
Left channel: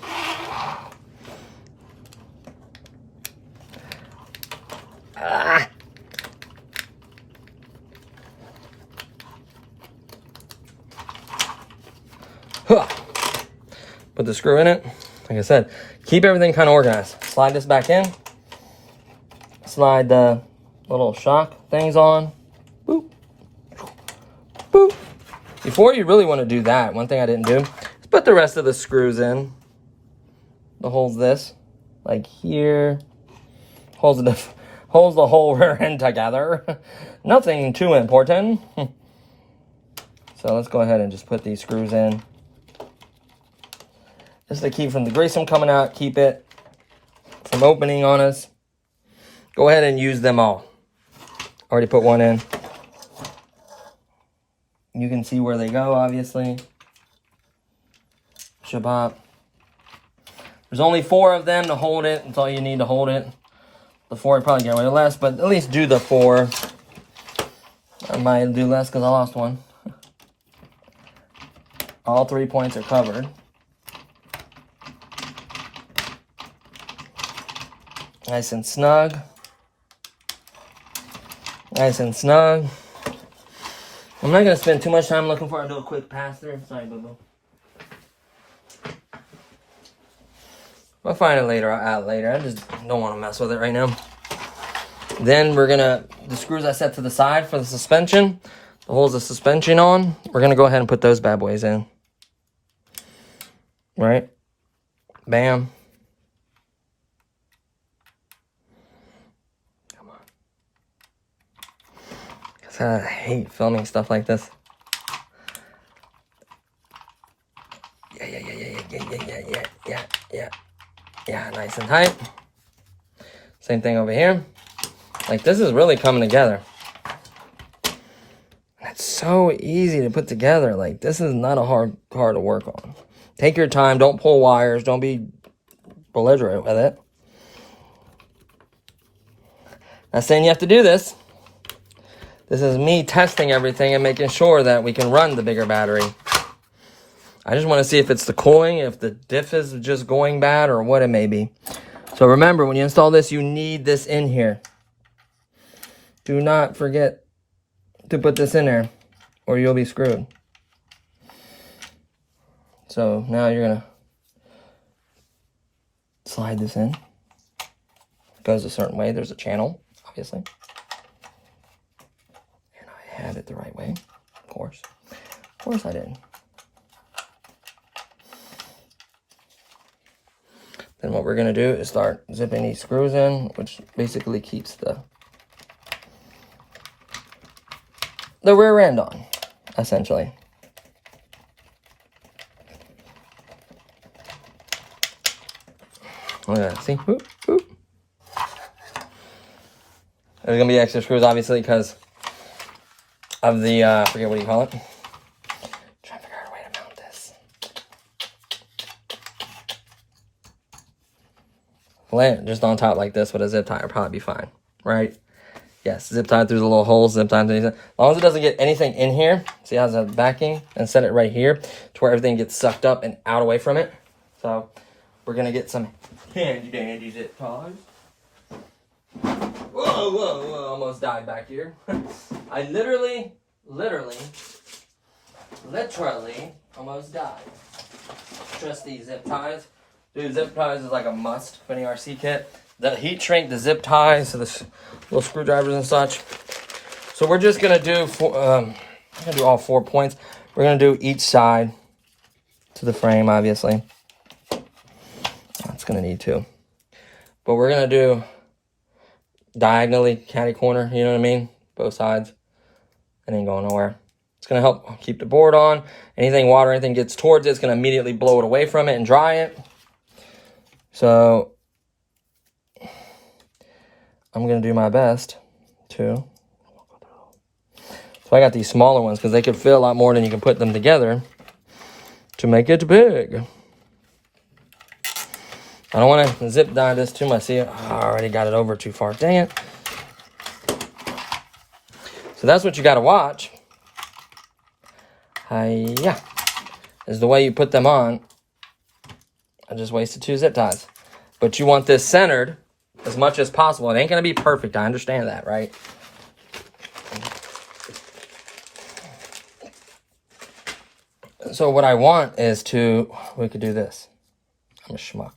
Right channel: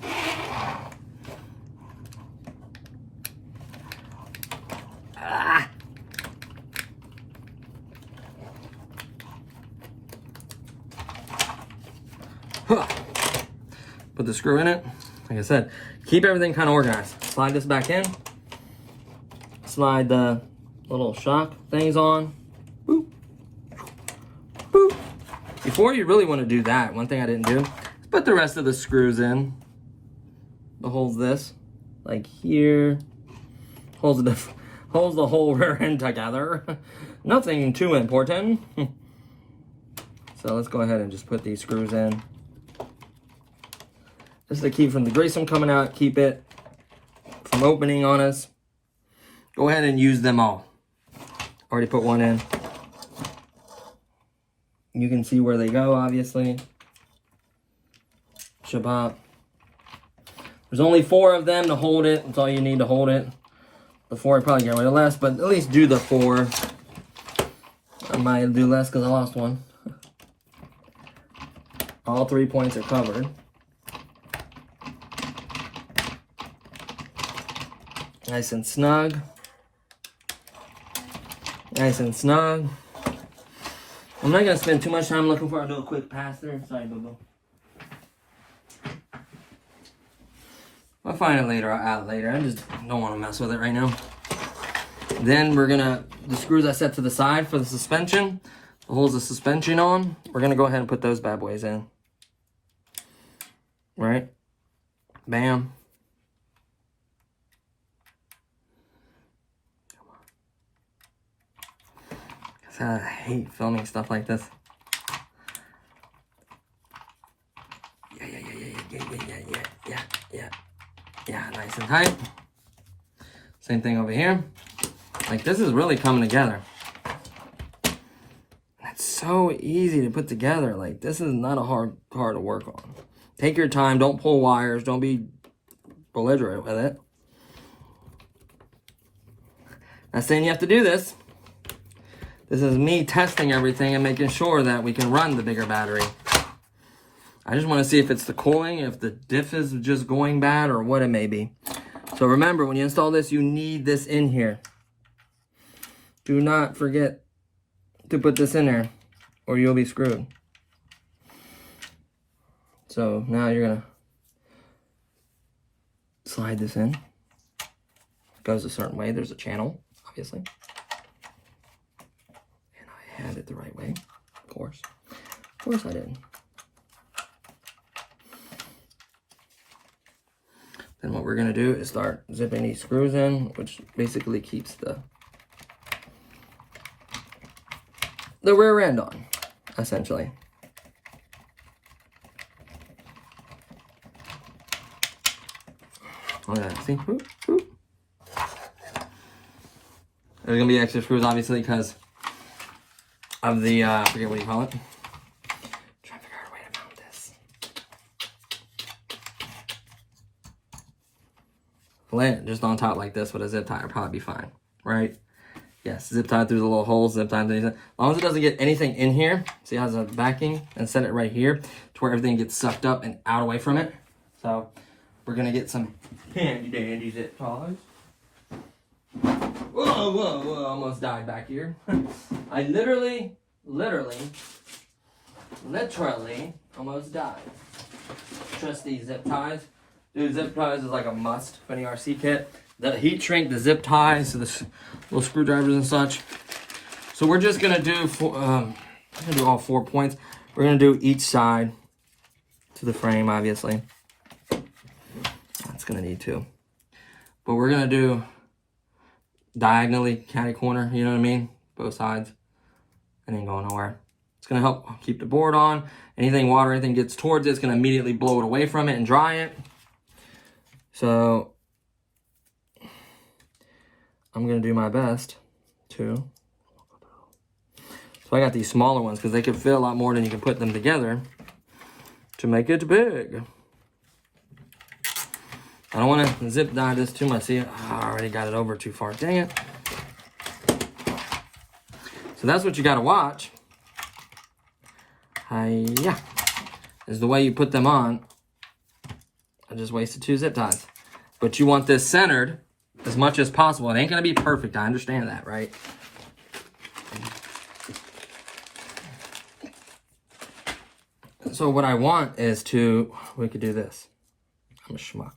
Put the screw in it. Like I said, keep everything kind of organized. Slide this back in. Slide the little shock things on. Boop. Boop. Before you really want to do that, one thing I didn't do is put the rest of the screws in. The holes this, like here. Holes in the, holds the whole rear end together. Nothing too important. So let's go ahead and just put these screws in. Just to keep from the grease from coming out, keep it from opening on us. Go ahead and use them all. Already put one in. You can see where they go, obviously. Shabbat. There's only 4 of them to hold it. That's all you need to hold it. The 4 I probably get rid of less, but at least do the 4. I might do less because I lost one. All 3 points are covered. Nice and snug. Nice and snug. I'm not going to spend too much time looking for it. I'll do a quick pass there. Sorry, boo-boo. I'll find it later. I'll add it later. I just don't want to mess with it right now. Then we're going to, the screws I set to the side for the suspension, the holes the suspension on, we're going to go ahead and put those bad boys in. Right? Bam. Come on. Because I hate filming stuff like this. Yeah, nice and tight. Same thing over here. Like, this is really coming together. It's so easy to put together. Like, this is not a hard to work on. Take your time. Don't pull wires. Don't be belligerent with it. Not saying you have to do this. This is me testing everything and making sure that we can run the bigger battery. I just want to see if it's the cooling, if the diff is just going bad, or what it may be. So remember, when you install this, you need this in here. Do not forget to put this in there, or you'll be screwed. So now you're going to slide this in. It goes a certain way. There's a channel, obviously. And I had it the right way, of course. Of course I did. Then what we're going to do is start zipping these screws in, which basically keeps the rear end on, essentially. Look at that, see? Whoop, whoop. There's going to be extra screws, obviously, because of the, I forget what you call it. Trying to figure out a way to mount this. Lay it just on top like this with a zip tie will probably be fine, right? Yes, zip tie through the little holes, zip tie through these. As long as it doesn't get anything in here, see how it's backing, and set it right here to where everything gets sucked up and out away from it. So we're gonna get some handy dandy zip ties. Whoa, almost died back here. I literally almost died. Trust these zip ties. Dude, zip ties is like a must for any RC kit. The heat shrink, the zip ties, so the little screwdrivers and such. So we're just gonna do I'm gonna do all 4 points. We're gonna do each side to the frame, obviously. It's gonna need 2. But we're gonna do diagonally, catty corner, you know what I mean? Both sides. It ain't going nowhere. It's gonna help keep the board on. Anything water, anything gets towards it, it's gonna immediately blow it away from it and dry it. So I'm gonna do my best to. So I got these smaller ones because they can fit a lot more than you can put them together to make it big. I don't want to zip tie this too much. See, I already got it over too far. Dang it. So that's what you got to watch. Yeah, is the way you put them on. I just wasted 2 zip ties. But you want this centered as much as possible. It ain't going to be perfect. I understand that, right? So what I want is to, we could do this. I'm a schmuck.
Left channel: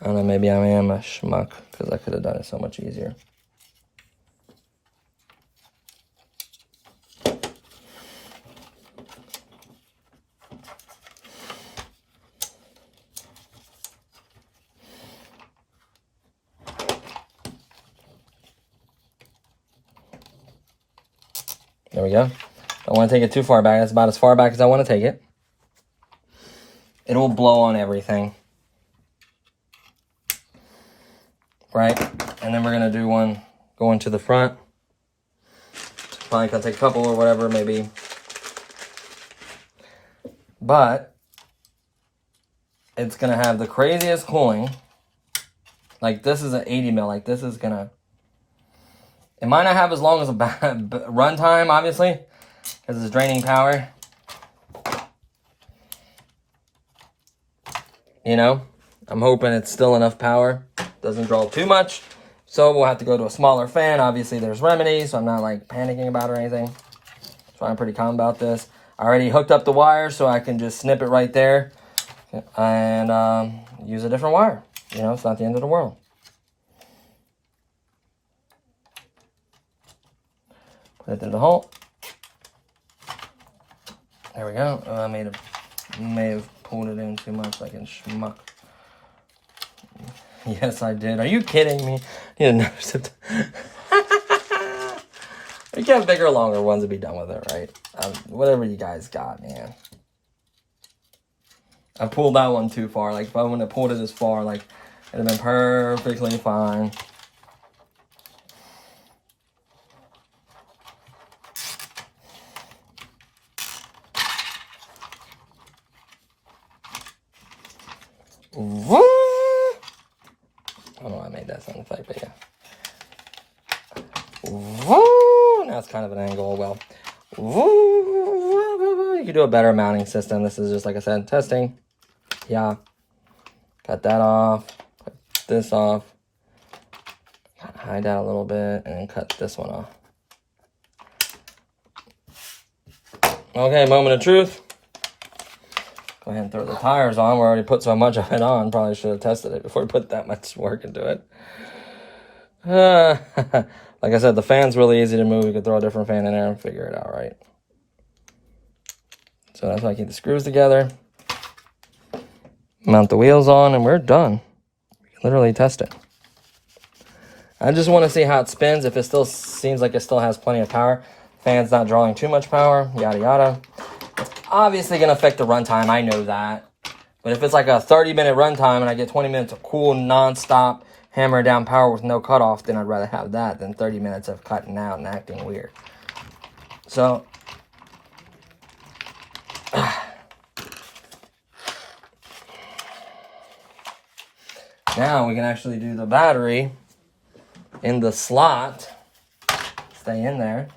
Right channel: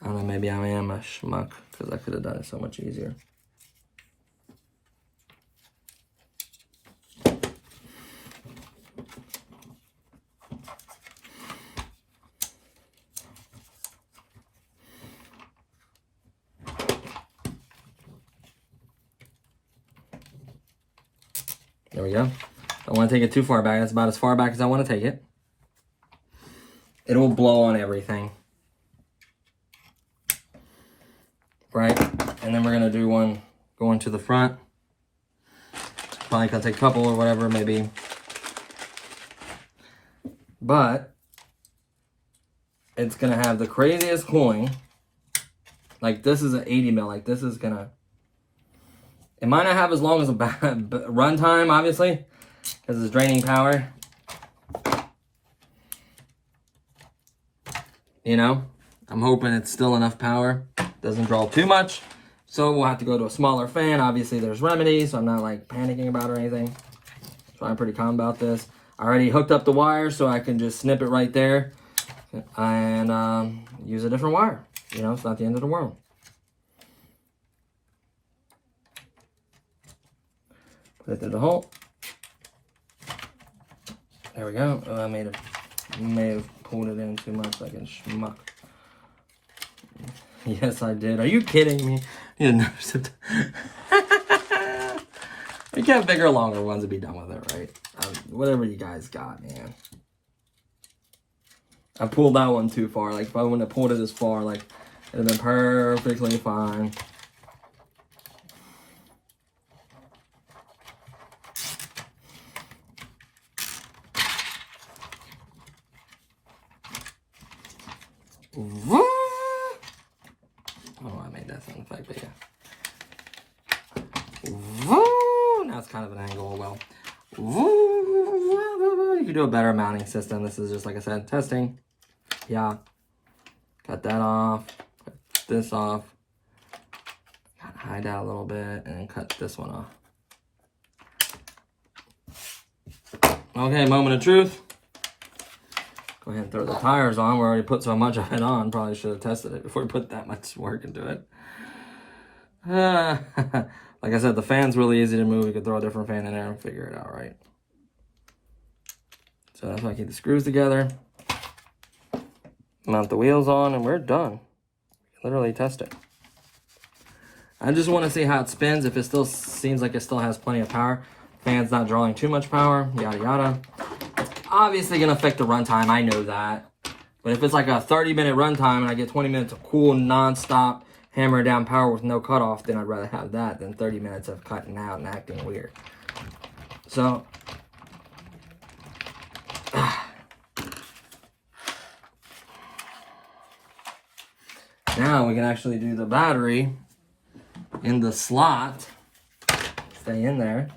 I don't know, maybe I am a schmuck because I could have done it so much easier. There we go. Don't want to take it too far back. That's about as far back as I want to take it. It will blow on everything. Right? And then we're going to do one going to the front. Probably going to take a couple or whatever, maybe. But it's going to have the craziest cooling. Like, this is an 80 mil. Like, this is going to... It might not have as long as a run time, obviously, because it's draining power. You know, I'm hoping it's still enough power. Doesn't draw too much. So we'll have to go to a smaller fan. Obviously, there's remedies, so I'm not, like, panicking about it or anything. So I'm pretty calm about this. I already hooked up the wire, so I can just snip it right there and use a different wire. You know, it's not the end of the world. Put it through the hole. There we go. Oh, I may have pulled it in too much like a schmuck. Yes, I did. Are you kidding me? You got bigger or longer ones to be done with it, right? Whatever you guys got, man. I pulled that one too far. Like, if I wouldn't have pulled it as far, like, it'd have been perfectly fine. I don't know why I made that sound effect, but yeah. Now it's kind of an angle. Well, you could do a better mounting system. This is just, like I said, testing. Yeah. Cut that off. Cut this off. Hide that a little bit and cut this one off. Okay, moment of truth. Go ahead and throw the tires on. We already put so much of it on. Probably should have tested it before we put that much work into it. Like I said, the fan's really easy to move. You can throw a different fan in there and figure it out, right? So that's why I keep the screws together. Mount the wheels on, and we're done. We can literally test it. I just want to see how it spins. If it still seems like it still has plenty of power. Fan's not drawing too much power, yada yada. It's obviously going to affect the runtime, I know that. But if it's like a 30-minute runtime and I get 20 minutes of cool, non-stop, hammer down power with no cutoff, then I'd rather have that than 30 minutes of cutting out and acting weird. So, now we can actually do the battery in the slot. Stay in there.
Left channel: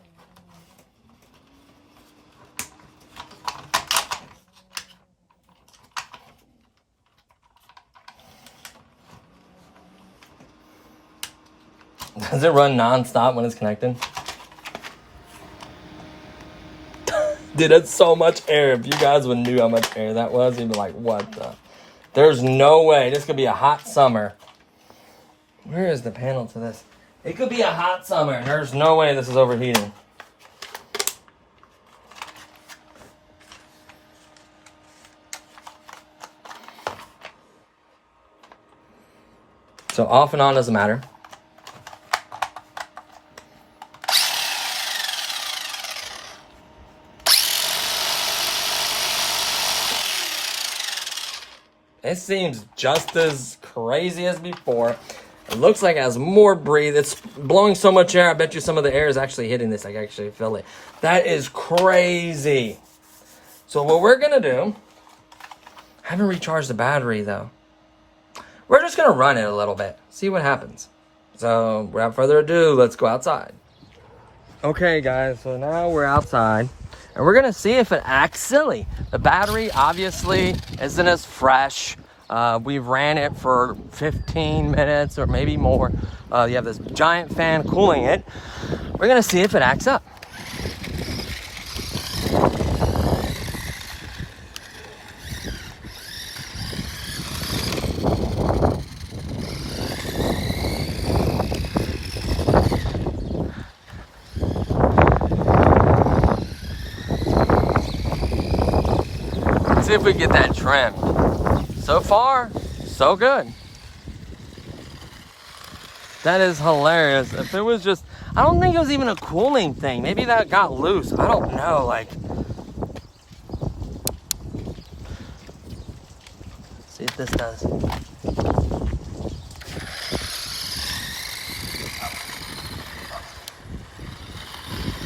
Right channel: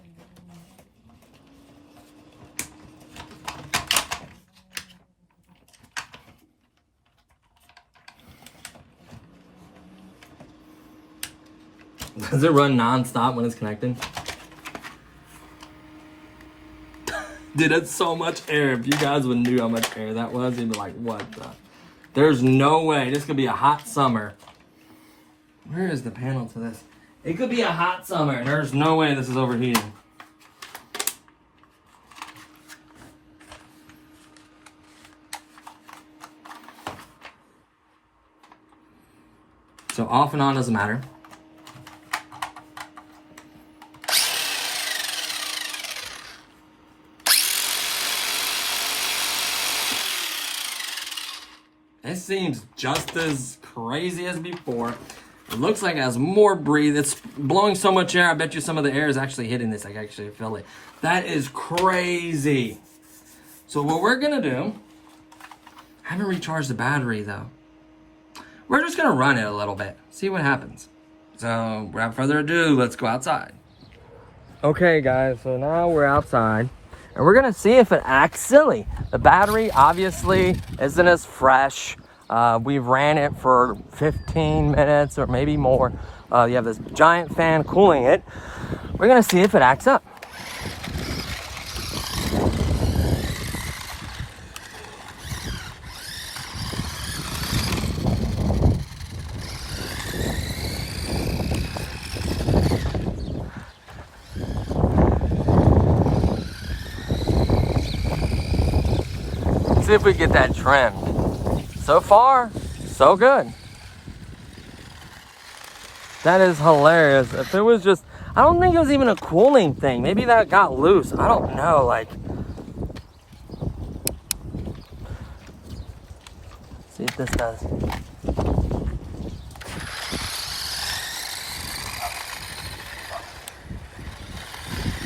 Does it run non-stop when it's connected? Dude, that's so much air. If you guys would knew how much air that was, you'd be like, what the? There's no way. This could be a hot summer. Where is the panel to this? It could be a hot summer, and there's no way this is overheating. So off and on doesn't matter. It seems just as crazy as before. It looks like it has more breathe. It's blowing so much air. I bet you some of the air is actually hitting this. I can actually feel it. That is crazy. So what we're going to do, I haven't recharged the battery though. We're just going to run it a little bit. See what happens. So without further ado, let's go outside. Okay guys, so now we're outside. And we're gonna see if it acts silly. The battery obviously isn't as fresh. We've ran it for 15 minutes or maybe more. You have this giant fan cooling it. We're gonna see if it acts up. See if we get that trimmed. So far, so good. That is hilarious. If it was just, I don't think it was even a cooling thing. Maybe that got loose. I don't know. Like, see if this does.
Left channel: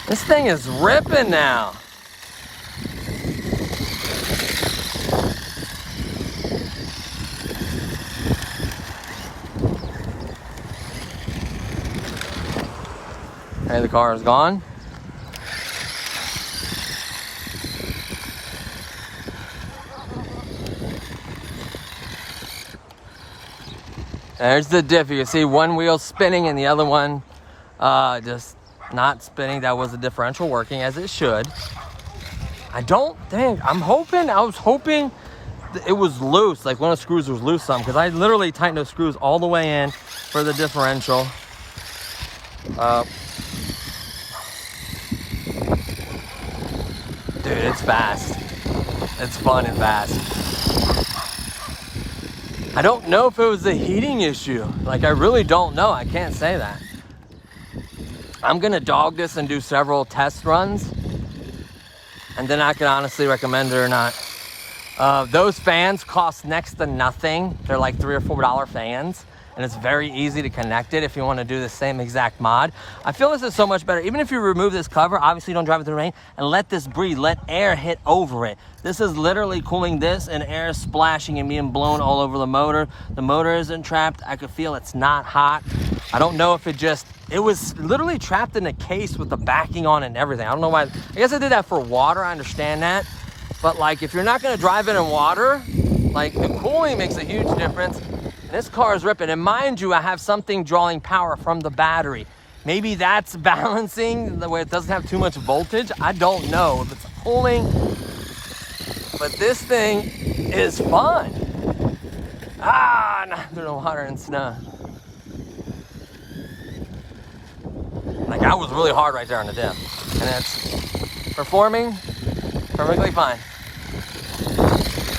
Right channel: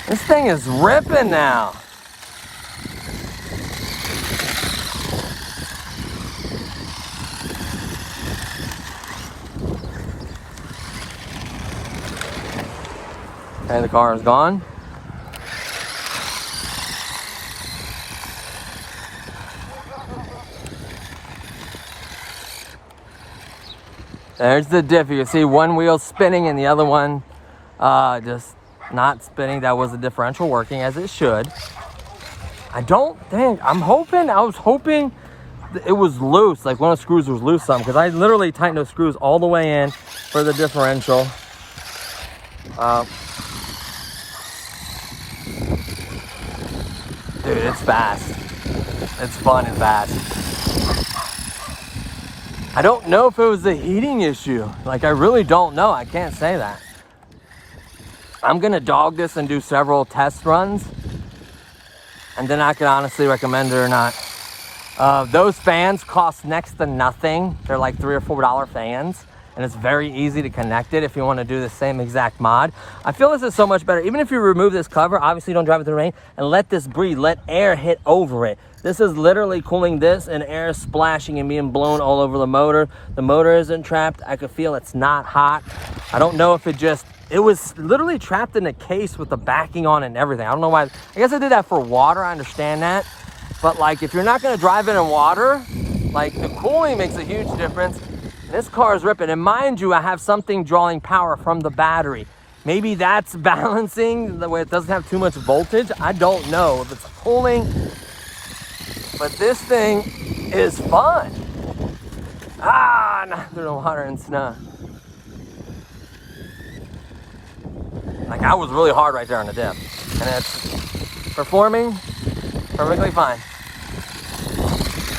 This thing is ripping now. Okay, the car is gone. There's the diff. You can see one wheel spinning and the other one just not spinning. That was the differential working as it should. I was hoping it was loose, like one of the screws was loose some, because I literally tightened those screws all the way in for the differential. Dude, it's fast. It's fun and fast. I don't know if it was a heating issue. Like, I really don't know. I can't say that. I'm gonna dog this and do several test runs, and then I can honestly recommend it or not. Those fans cost next to nothing. They're like $3 or $4 fans, and it's very easy to connect it if you want to do the same exact mod. I feel this is so much better. Even if you remove this cover, obviously don't drive it through the rain, and let this breathe, let air hit over it. This is literally cooling this and air splashing and being blown all over the motor. The motor isn't trapped. I could feel it's not hot. I don't know if it was literally trapped in a case with the backing on and everything. I don't know why. I guess I did that for water. I understand that. But like, if you're not gonna drive it in water, like, the cooling makes a huge difference. And this car is ripping. And mind you, I have something drawing power from the battery. Maybe that's balancing the way it doesn't have too much voltage. I don't know if it's cooling, but this thing is fun. Not through the water and snow. Like, I was really hard right there on the diff, and it's performing perfectly fine.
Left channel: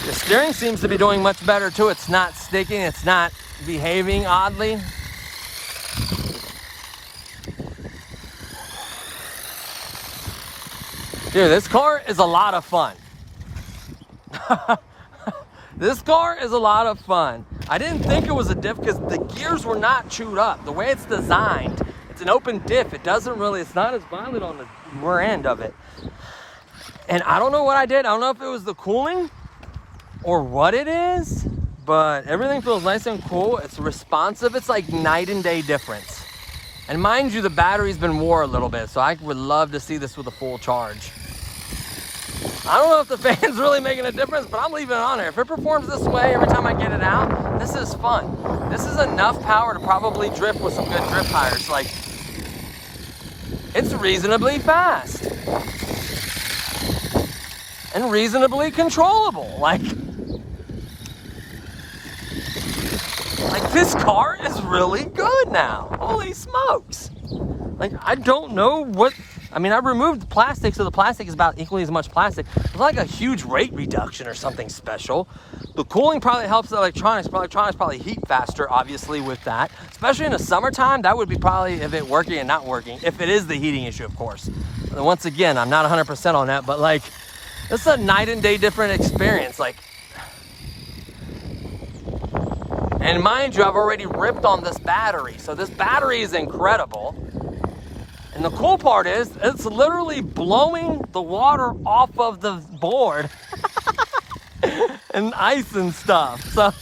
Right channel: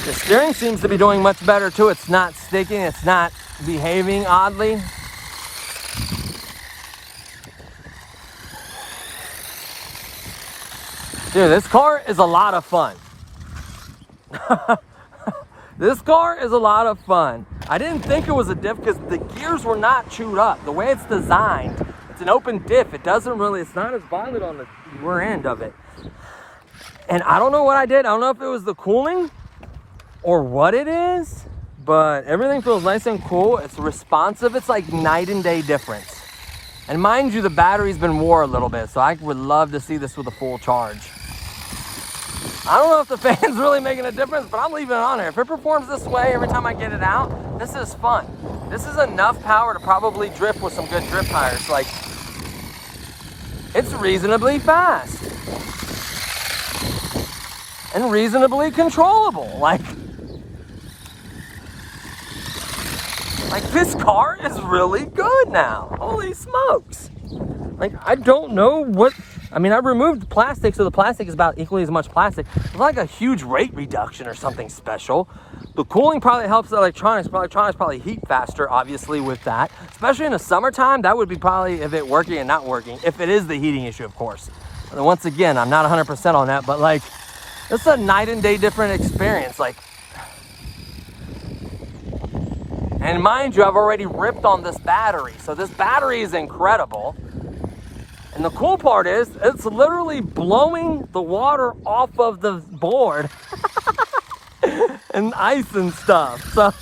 The steering seems to be doing much better too. It's not sticking, it's not behaving oddly. Dude, this car is a lot of fun. This car is a lot of fun. I didn't think it was a diff because the gears were not chewed up. The way it's designed, it's an open diff. It's not as violent on the rear end of it. And I don't know what I did. I don't know if it was the cooling or what it is, but everything feels nice and cool. It's responsive. It's like night and day difference. And mind you, the battery's been wore a little bit, so I would love to see this with a full charge. I don't know if the fan's really making a difference, but I'm leaving it on there. If it performs this way every time I get it out, this is fun. This is enough power to probably drift with some good drift tires. Like, it's reasonably fast and reasonably controllable. Like this car is really good now. Holy smokes. Like, I don't know what, I mean, I removed the plastic, so the plastic is about equally as much plastic. It's like a huge rate reduction or something special. The cooling probably helps the electronics. Electronics probably heat faster, obviously, with that. Especially in the summertime, that would be probably if it working and not working. If it is the heating issue, of course. And once again, I'm not 100% on that, but like, this is a night and day different experience. Like, and mind you, I've already ripped on this battery. So this battery is incredible. And the cool part is, it's literally blowing the water off of the board and ice and stuff. So,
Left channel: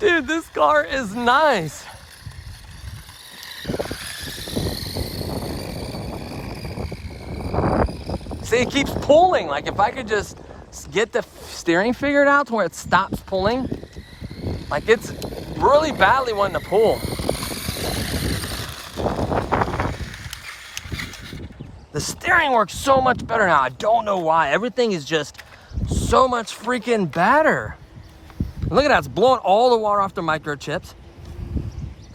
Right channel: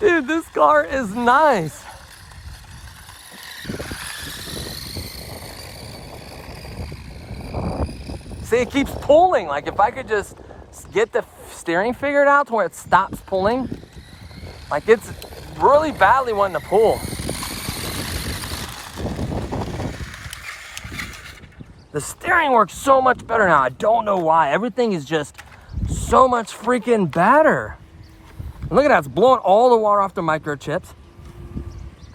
dude, this car is nice. See, it keeps pulling. Like, if I could just get the steering figured out to where it stops pulling. Like, it's really badly wanting to pull. The steering works so much better now. I don't know why. Everything is just so much freaking better. And look at that. It's blowing all the water off the microchips.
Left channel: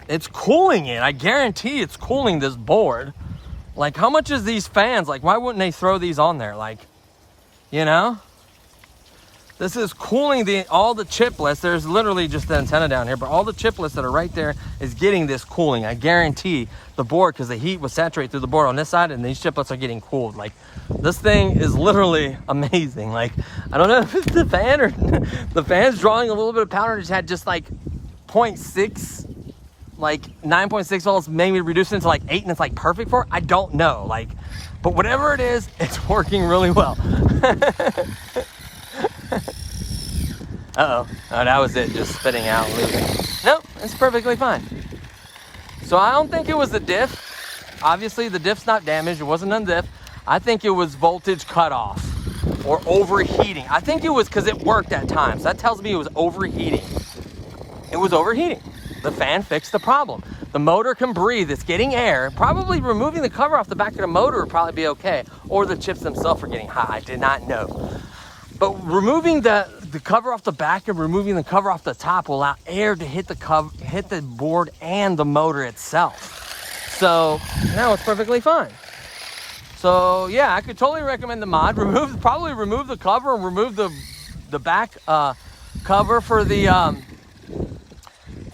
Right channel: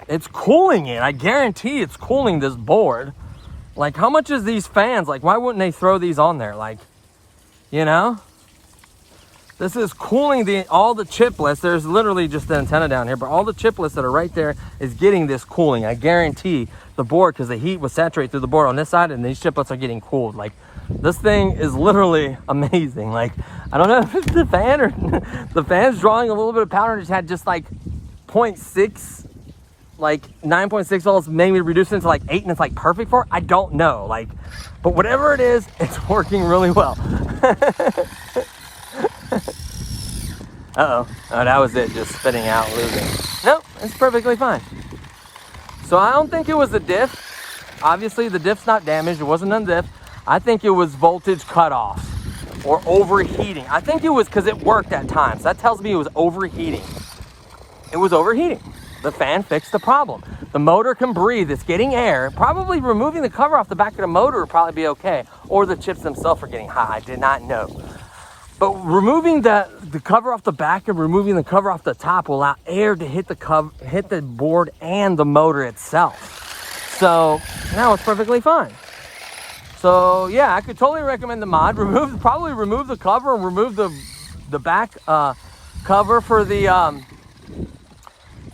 It's cooling it. I guarantee it's cooling this board. Like, how much is these fans? Like, why wouldn't they throw these on there? Like, you know? This is cooling all the chiplets. There's literally just the antenna down here, but all the chiplets that are right there is getting this cooling. I guarantee the board, because the heat was saturated through the board on this side, and these chiplets are getting cooled. Like, this thing is literally amazing. Like, I don't know if it's the fan or the fan's drawing a little bit of power and just had just like 0.6, like 9.6 volts, maybe reduced it to like 8 and it's like perfect for it. I don't know. Like, but whatever it is, it's working really well. Uh-oh. Oh, that was it, just spitting out, losing. Nope, it's perfectly fine. So I don't think it was the diff. Obviously, the diff's not damaged. It wasn't on diff. I think it was voltage cutoff or overheating. I think it was because it worked at times. That tells me it was overheating. It was overheating. The fan fixed the problem. The motor can breathe. It's getting air. Probably removing the cover off the back of the motor would probably be okay. Or the chips themselves are getting hot. I did not know. But removing the cover off the back and removing the cover off the top will allow air to hit the board and the motor itself. So now it's perfectly fine. So yeah, I could totally recommend the mod. Probably remove the cover and remove the back cover for the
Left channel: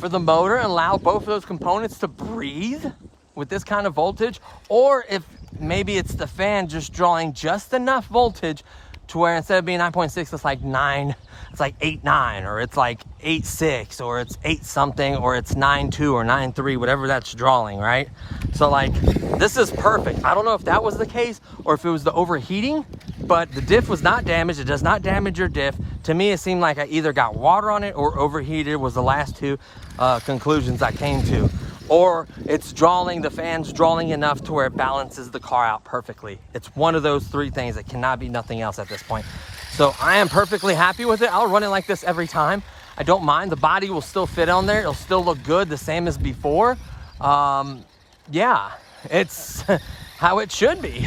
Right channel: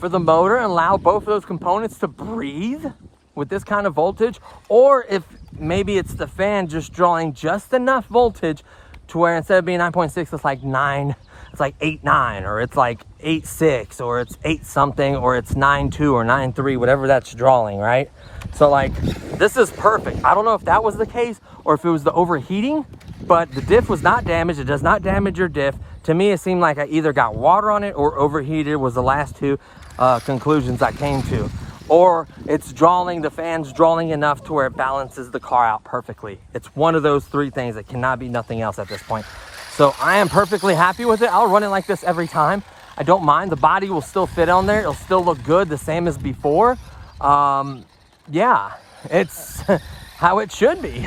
motor and allow both of those components to breathe with this kind of voltage. Or if maybe it's the fan just drawing just enough voltage to where instead of being 9.6, it's like 9, it's like 8.9, or it's like 8.6, or it's 8 something, or it's 9.2 or 9.3, whatever that's drawing, right? So like, this is perfect. I don't know if that was the case or if it was the overheating, but the diff was not damaged. It does not damage your diff. To me, it seemed like I either got water on it or overheated was the last two conclusions I came to. Or it's drawing, the fan's drawing enough to where it balances the car out perfectly. It's one of those three things. It cannot be nothing else at this point. So I am perfectly happy with it. I'll run it like this every time. I don't mind. The body will still fit on there. It'll still look good, the same as before. Yeah, it's how it should be.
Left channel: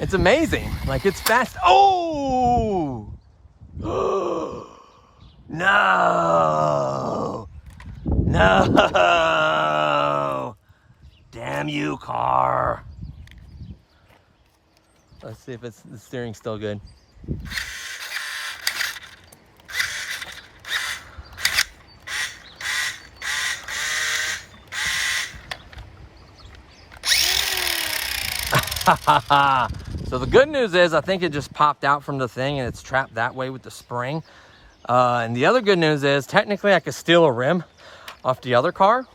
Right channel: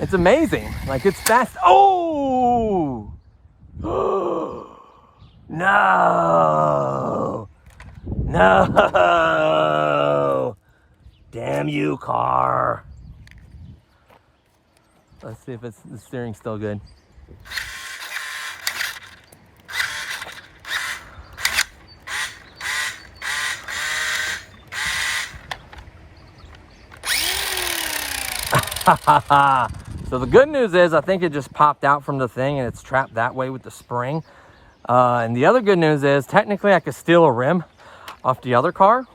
It's amazing. Like, it's fast. Oh! No! No! Damn you, car. Let's see if the steering's still good. So the good news is I think it just popped out from the thing and it's trapped that way with the spring. And the other good news is technically I could steal a rim off the other car.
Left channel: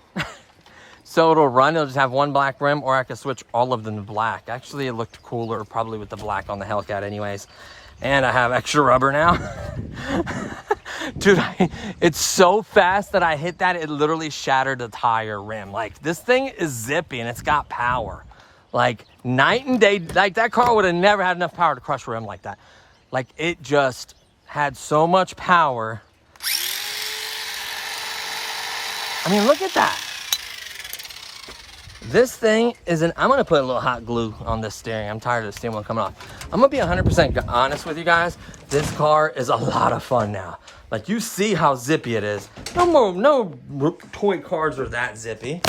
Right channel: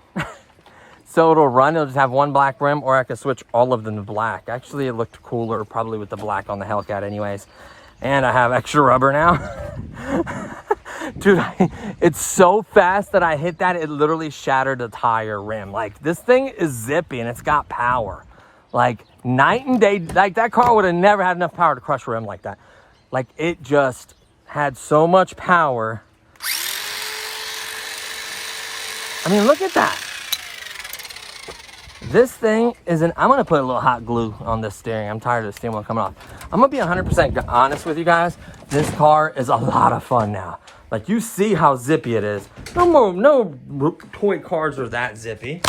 So it'll run, it'll just have one black rim, or I could switch all of them to black. Actually, it looked cooler probably with the black on the Hellcat anyways. And I have extra rubber now. Dude, it's so fast that I hit that, it literally shattered the tire rim. Like, this thing is zippy and it's got power. Like, night and day. Like, that car would have never had enough power to crush a rim like that. Like, it just had so much power. I mean, look at that. This thing is I'm going to put a little hot glue on this steering. I'm tired of the steering wheel coming off. I'm going to be 100% honest with you guys. This car is a lot of fun now. Like, you see how zippy it is. No toy cars are that zippy.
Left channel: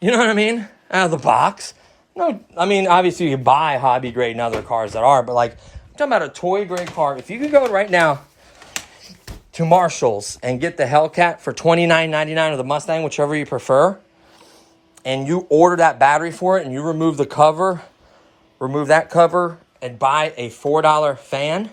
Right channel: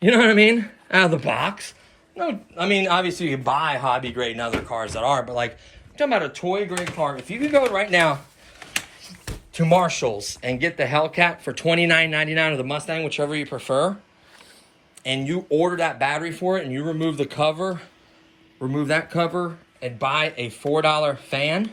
You know what I mean? Out of the box. No, I mean, obviously you can buy hobby grade and other cars that are, but like, I'm talking about a toy grade car. If you could go right now to Marshall's and get the Hellcat for $29.99 or the Mustang, whichever you prefer, and you order that battery for it and you remove the cover, remove that cover, and buy a $4 fan,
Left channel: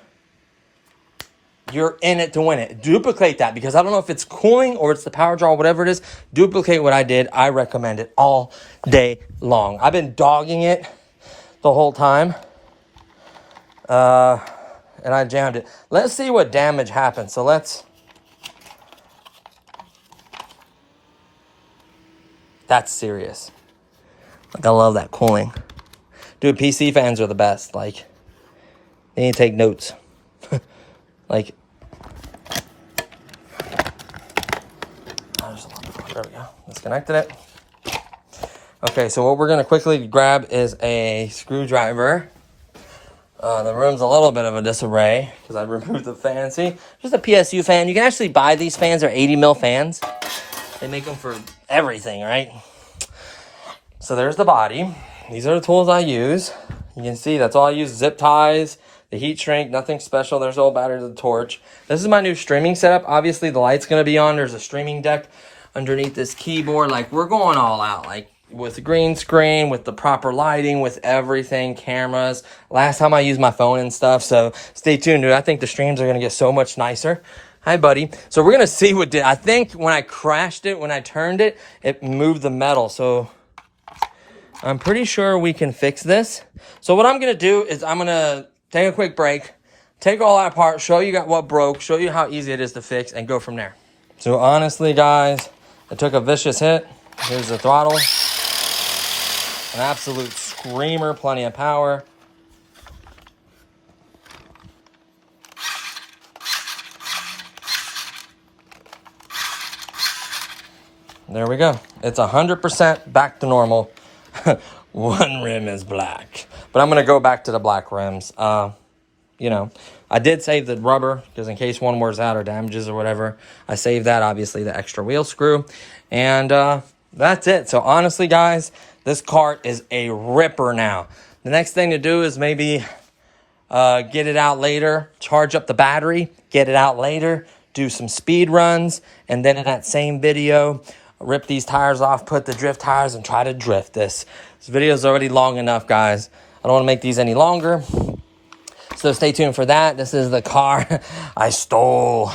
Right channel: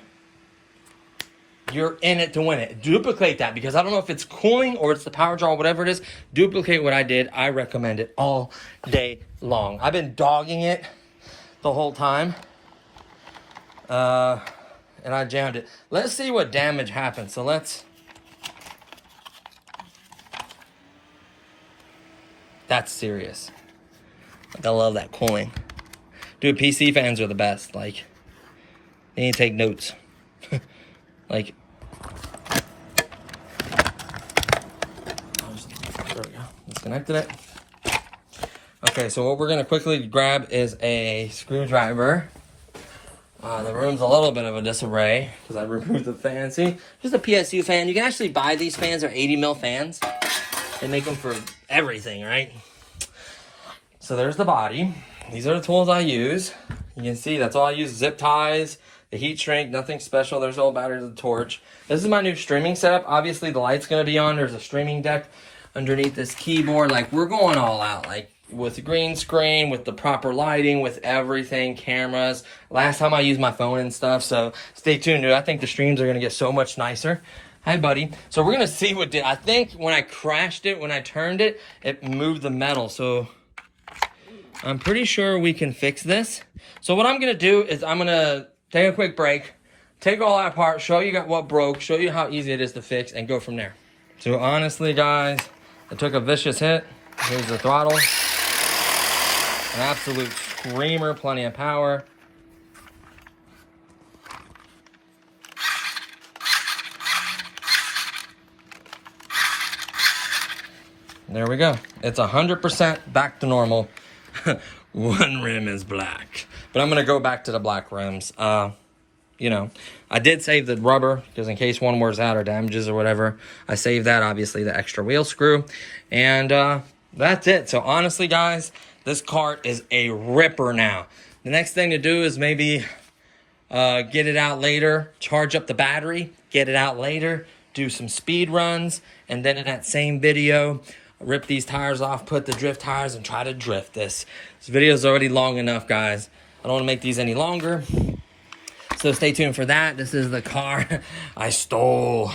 you're in it to win it. Duplicate that, because I don't know if it's cooling or it's the power draw, whatever it is. Duplicate what I did. I recommend it all day long. I've been dogging it the whole time. And I jammed it. Let's see what damage happened. So that's serious. Like, I love that cooling. Dude, PC fans are the best. Like, they need to take notes. Like, there we go. Disconnected it. Okay, so what we're going to quickly grab is a screwdriver. The room's a little bit of a disarray because I removed the fan. See, here's a PSU fan. You can actually buy these fans. They're 80 mil fans. They make them for everything, right? So there's the body. These are the tools I use. You can see that's all I use. Zip ties, The heat shrink, nothing special. There's old battery to the torch. This is my new streaming setup. Obviously, the light's going to be on. There's a streaming deck underneath this keyboard. Like, we're going all out. Like, with the green screen, with the proper lighting, with everything, cameras. Last time I used my phone and stuff, so stay tuned, dude. I think the streams are going to get so much nicer. Hi, buddy. So we're going to see what did. I think when I crashed it, when I turned it, it moved the metal. So I'm pretty sure we can fix this. So what I'm going to do is I'm going to take a quick break, take all that apart, show you what broke, show you how easy it is to fix, and go from there. So honestly, guys, I took a vicious hit. Here's the throttle. An absolute screamer, plenty of power. There we go. It's 100% back to normal. One rim is black. But I'm going to go back to the black rims. You know, I did save the rubber because in case one wears out or damages or whatever, I saved that, obviously, the extra wheel screw. And that's it. So honestly, guys, this cart is a ripper now. The next thing to do is maybe get it out later, charge up the battery, get it out later, do some speed runs, and then in that same video, rip these tires off, put the drift tires, and try to drift this. This video is already long enough, guys. I don't want to make these any longer. So stay tuned for that. This is the car I stole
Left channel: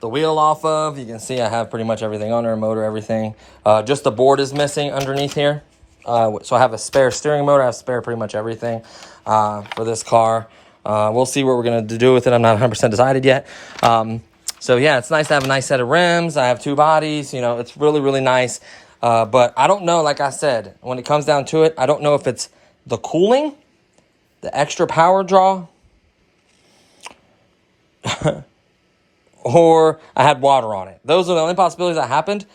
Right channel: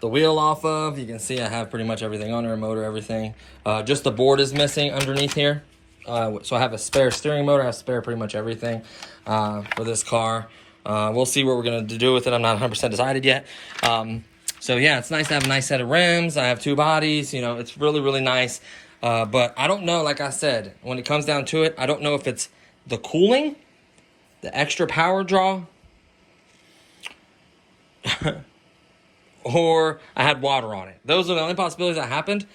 the wheel off of. You can see I have pretty much everything on there, motor, everything. Just the board is missing underneath here. So I have a spare steering motor. I have spare pretty much everything for this car. We'll see what we're going to do with it. I'm not 100% decided yet. So yeah, it's nice to have a nice set of rims. I have two bodies. You know, it's really, really nice. But I don't know, like I said, when it comes down to it, I don't know if it's the cooling, the extra power draw, or I had water on it. Those are the only possibilities that happened.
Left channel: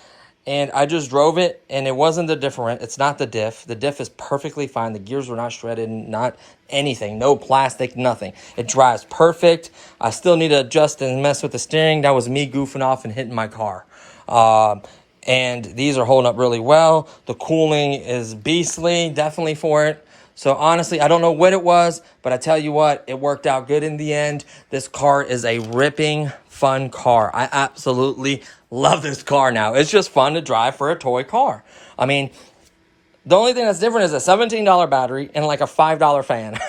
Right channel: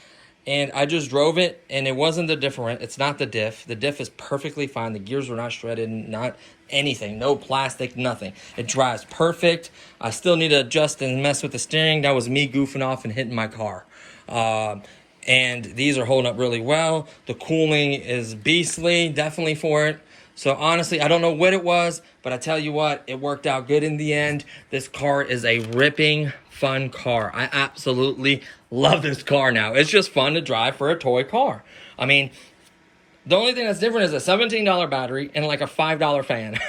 And I just drove it, and it wasn't the different. It's not the diff. The diff is perfectly fine. The gears were not shredded, not anything. No plastic, nothing. It drives perfect. I still need to adjust and mess with the steering. That was me goofing off and hitting my car. And these are holding up really well. The cooling is beastly, definitely for it. So honestly, I don't know what it was, but I tell you what, it worked out good in the end. This car is a ripping, fun car. I absolutely love this car now. It's just fun to drive for a toy car. I mean, the only thing that's different is a $17 battery and like a $5 fan.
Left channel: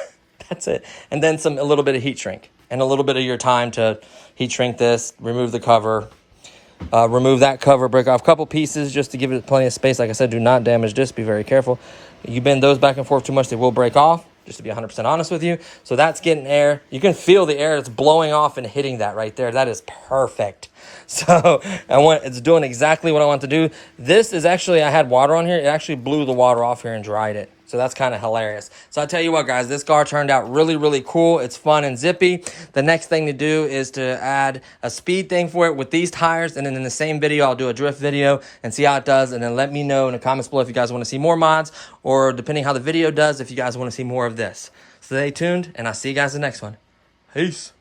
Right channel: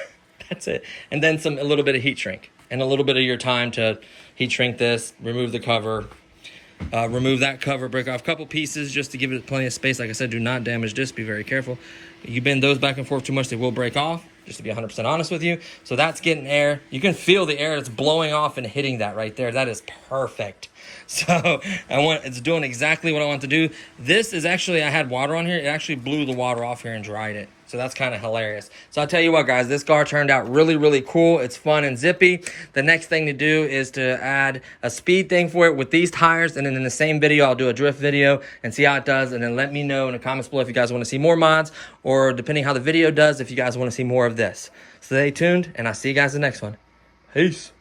That's it. And then a little bit of heat shrink and a little bit of your time to heat shrink this, remove the cover, remove that cover, break off a couple pieces just to give it plenty of space. Like I said, do not damage this. Be very careful. You bend those back and forth too much, they will break off, just to be 100% honest with you. So that's getting air. You can feel the air that's blowing off and hitting that right there. That is perfect. So it's doing exactly what I want to do. This is actually, I had water on here. It actually blew the water off here and dried it. So that's kind of hilarious. So I'll tell you what, guys, this car turned out really, really cool. It's fun and zippy. The next thing to do is to add a speed thing for it with these tires. And then in the same video, I'll do a drift video and see how it does. And then let me know in the comments below if you guys want to see more mods, or depending how the video does, if you guys want to see more of this. So stay tuned, and I'll see you guys in the next one. Peace.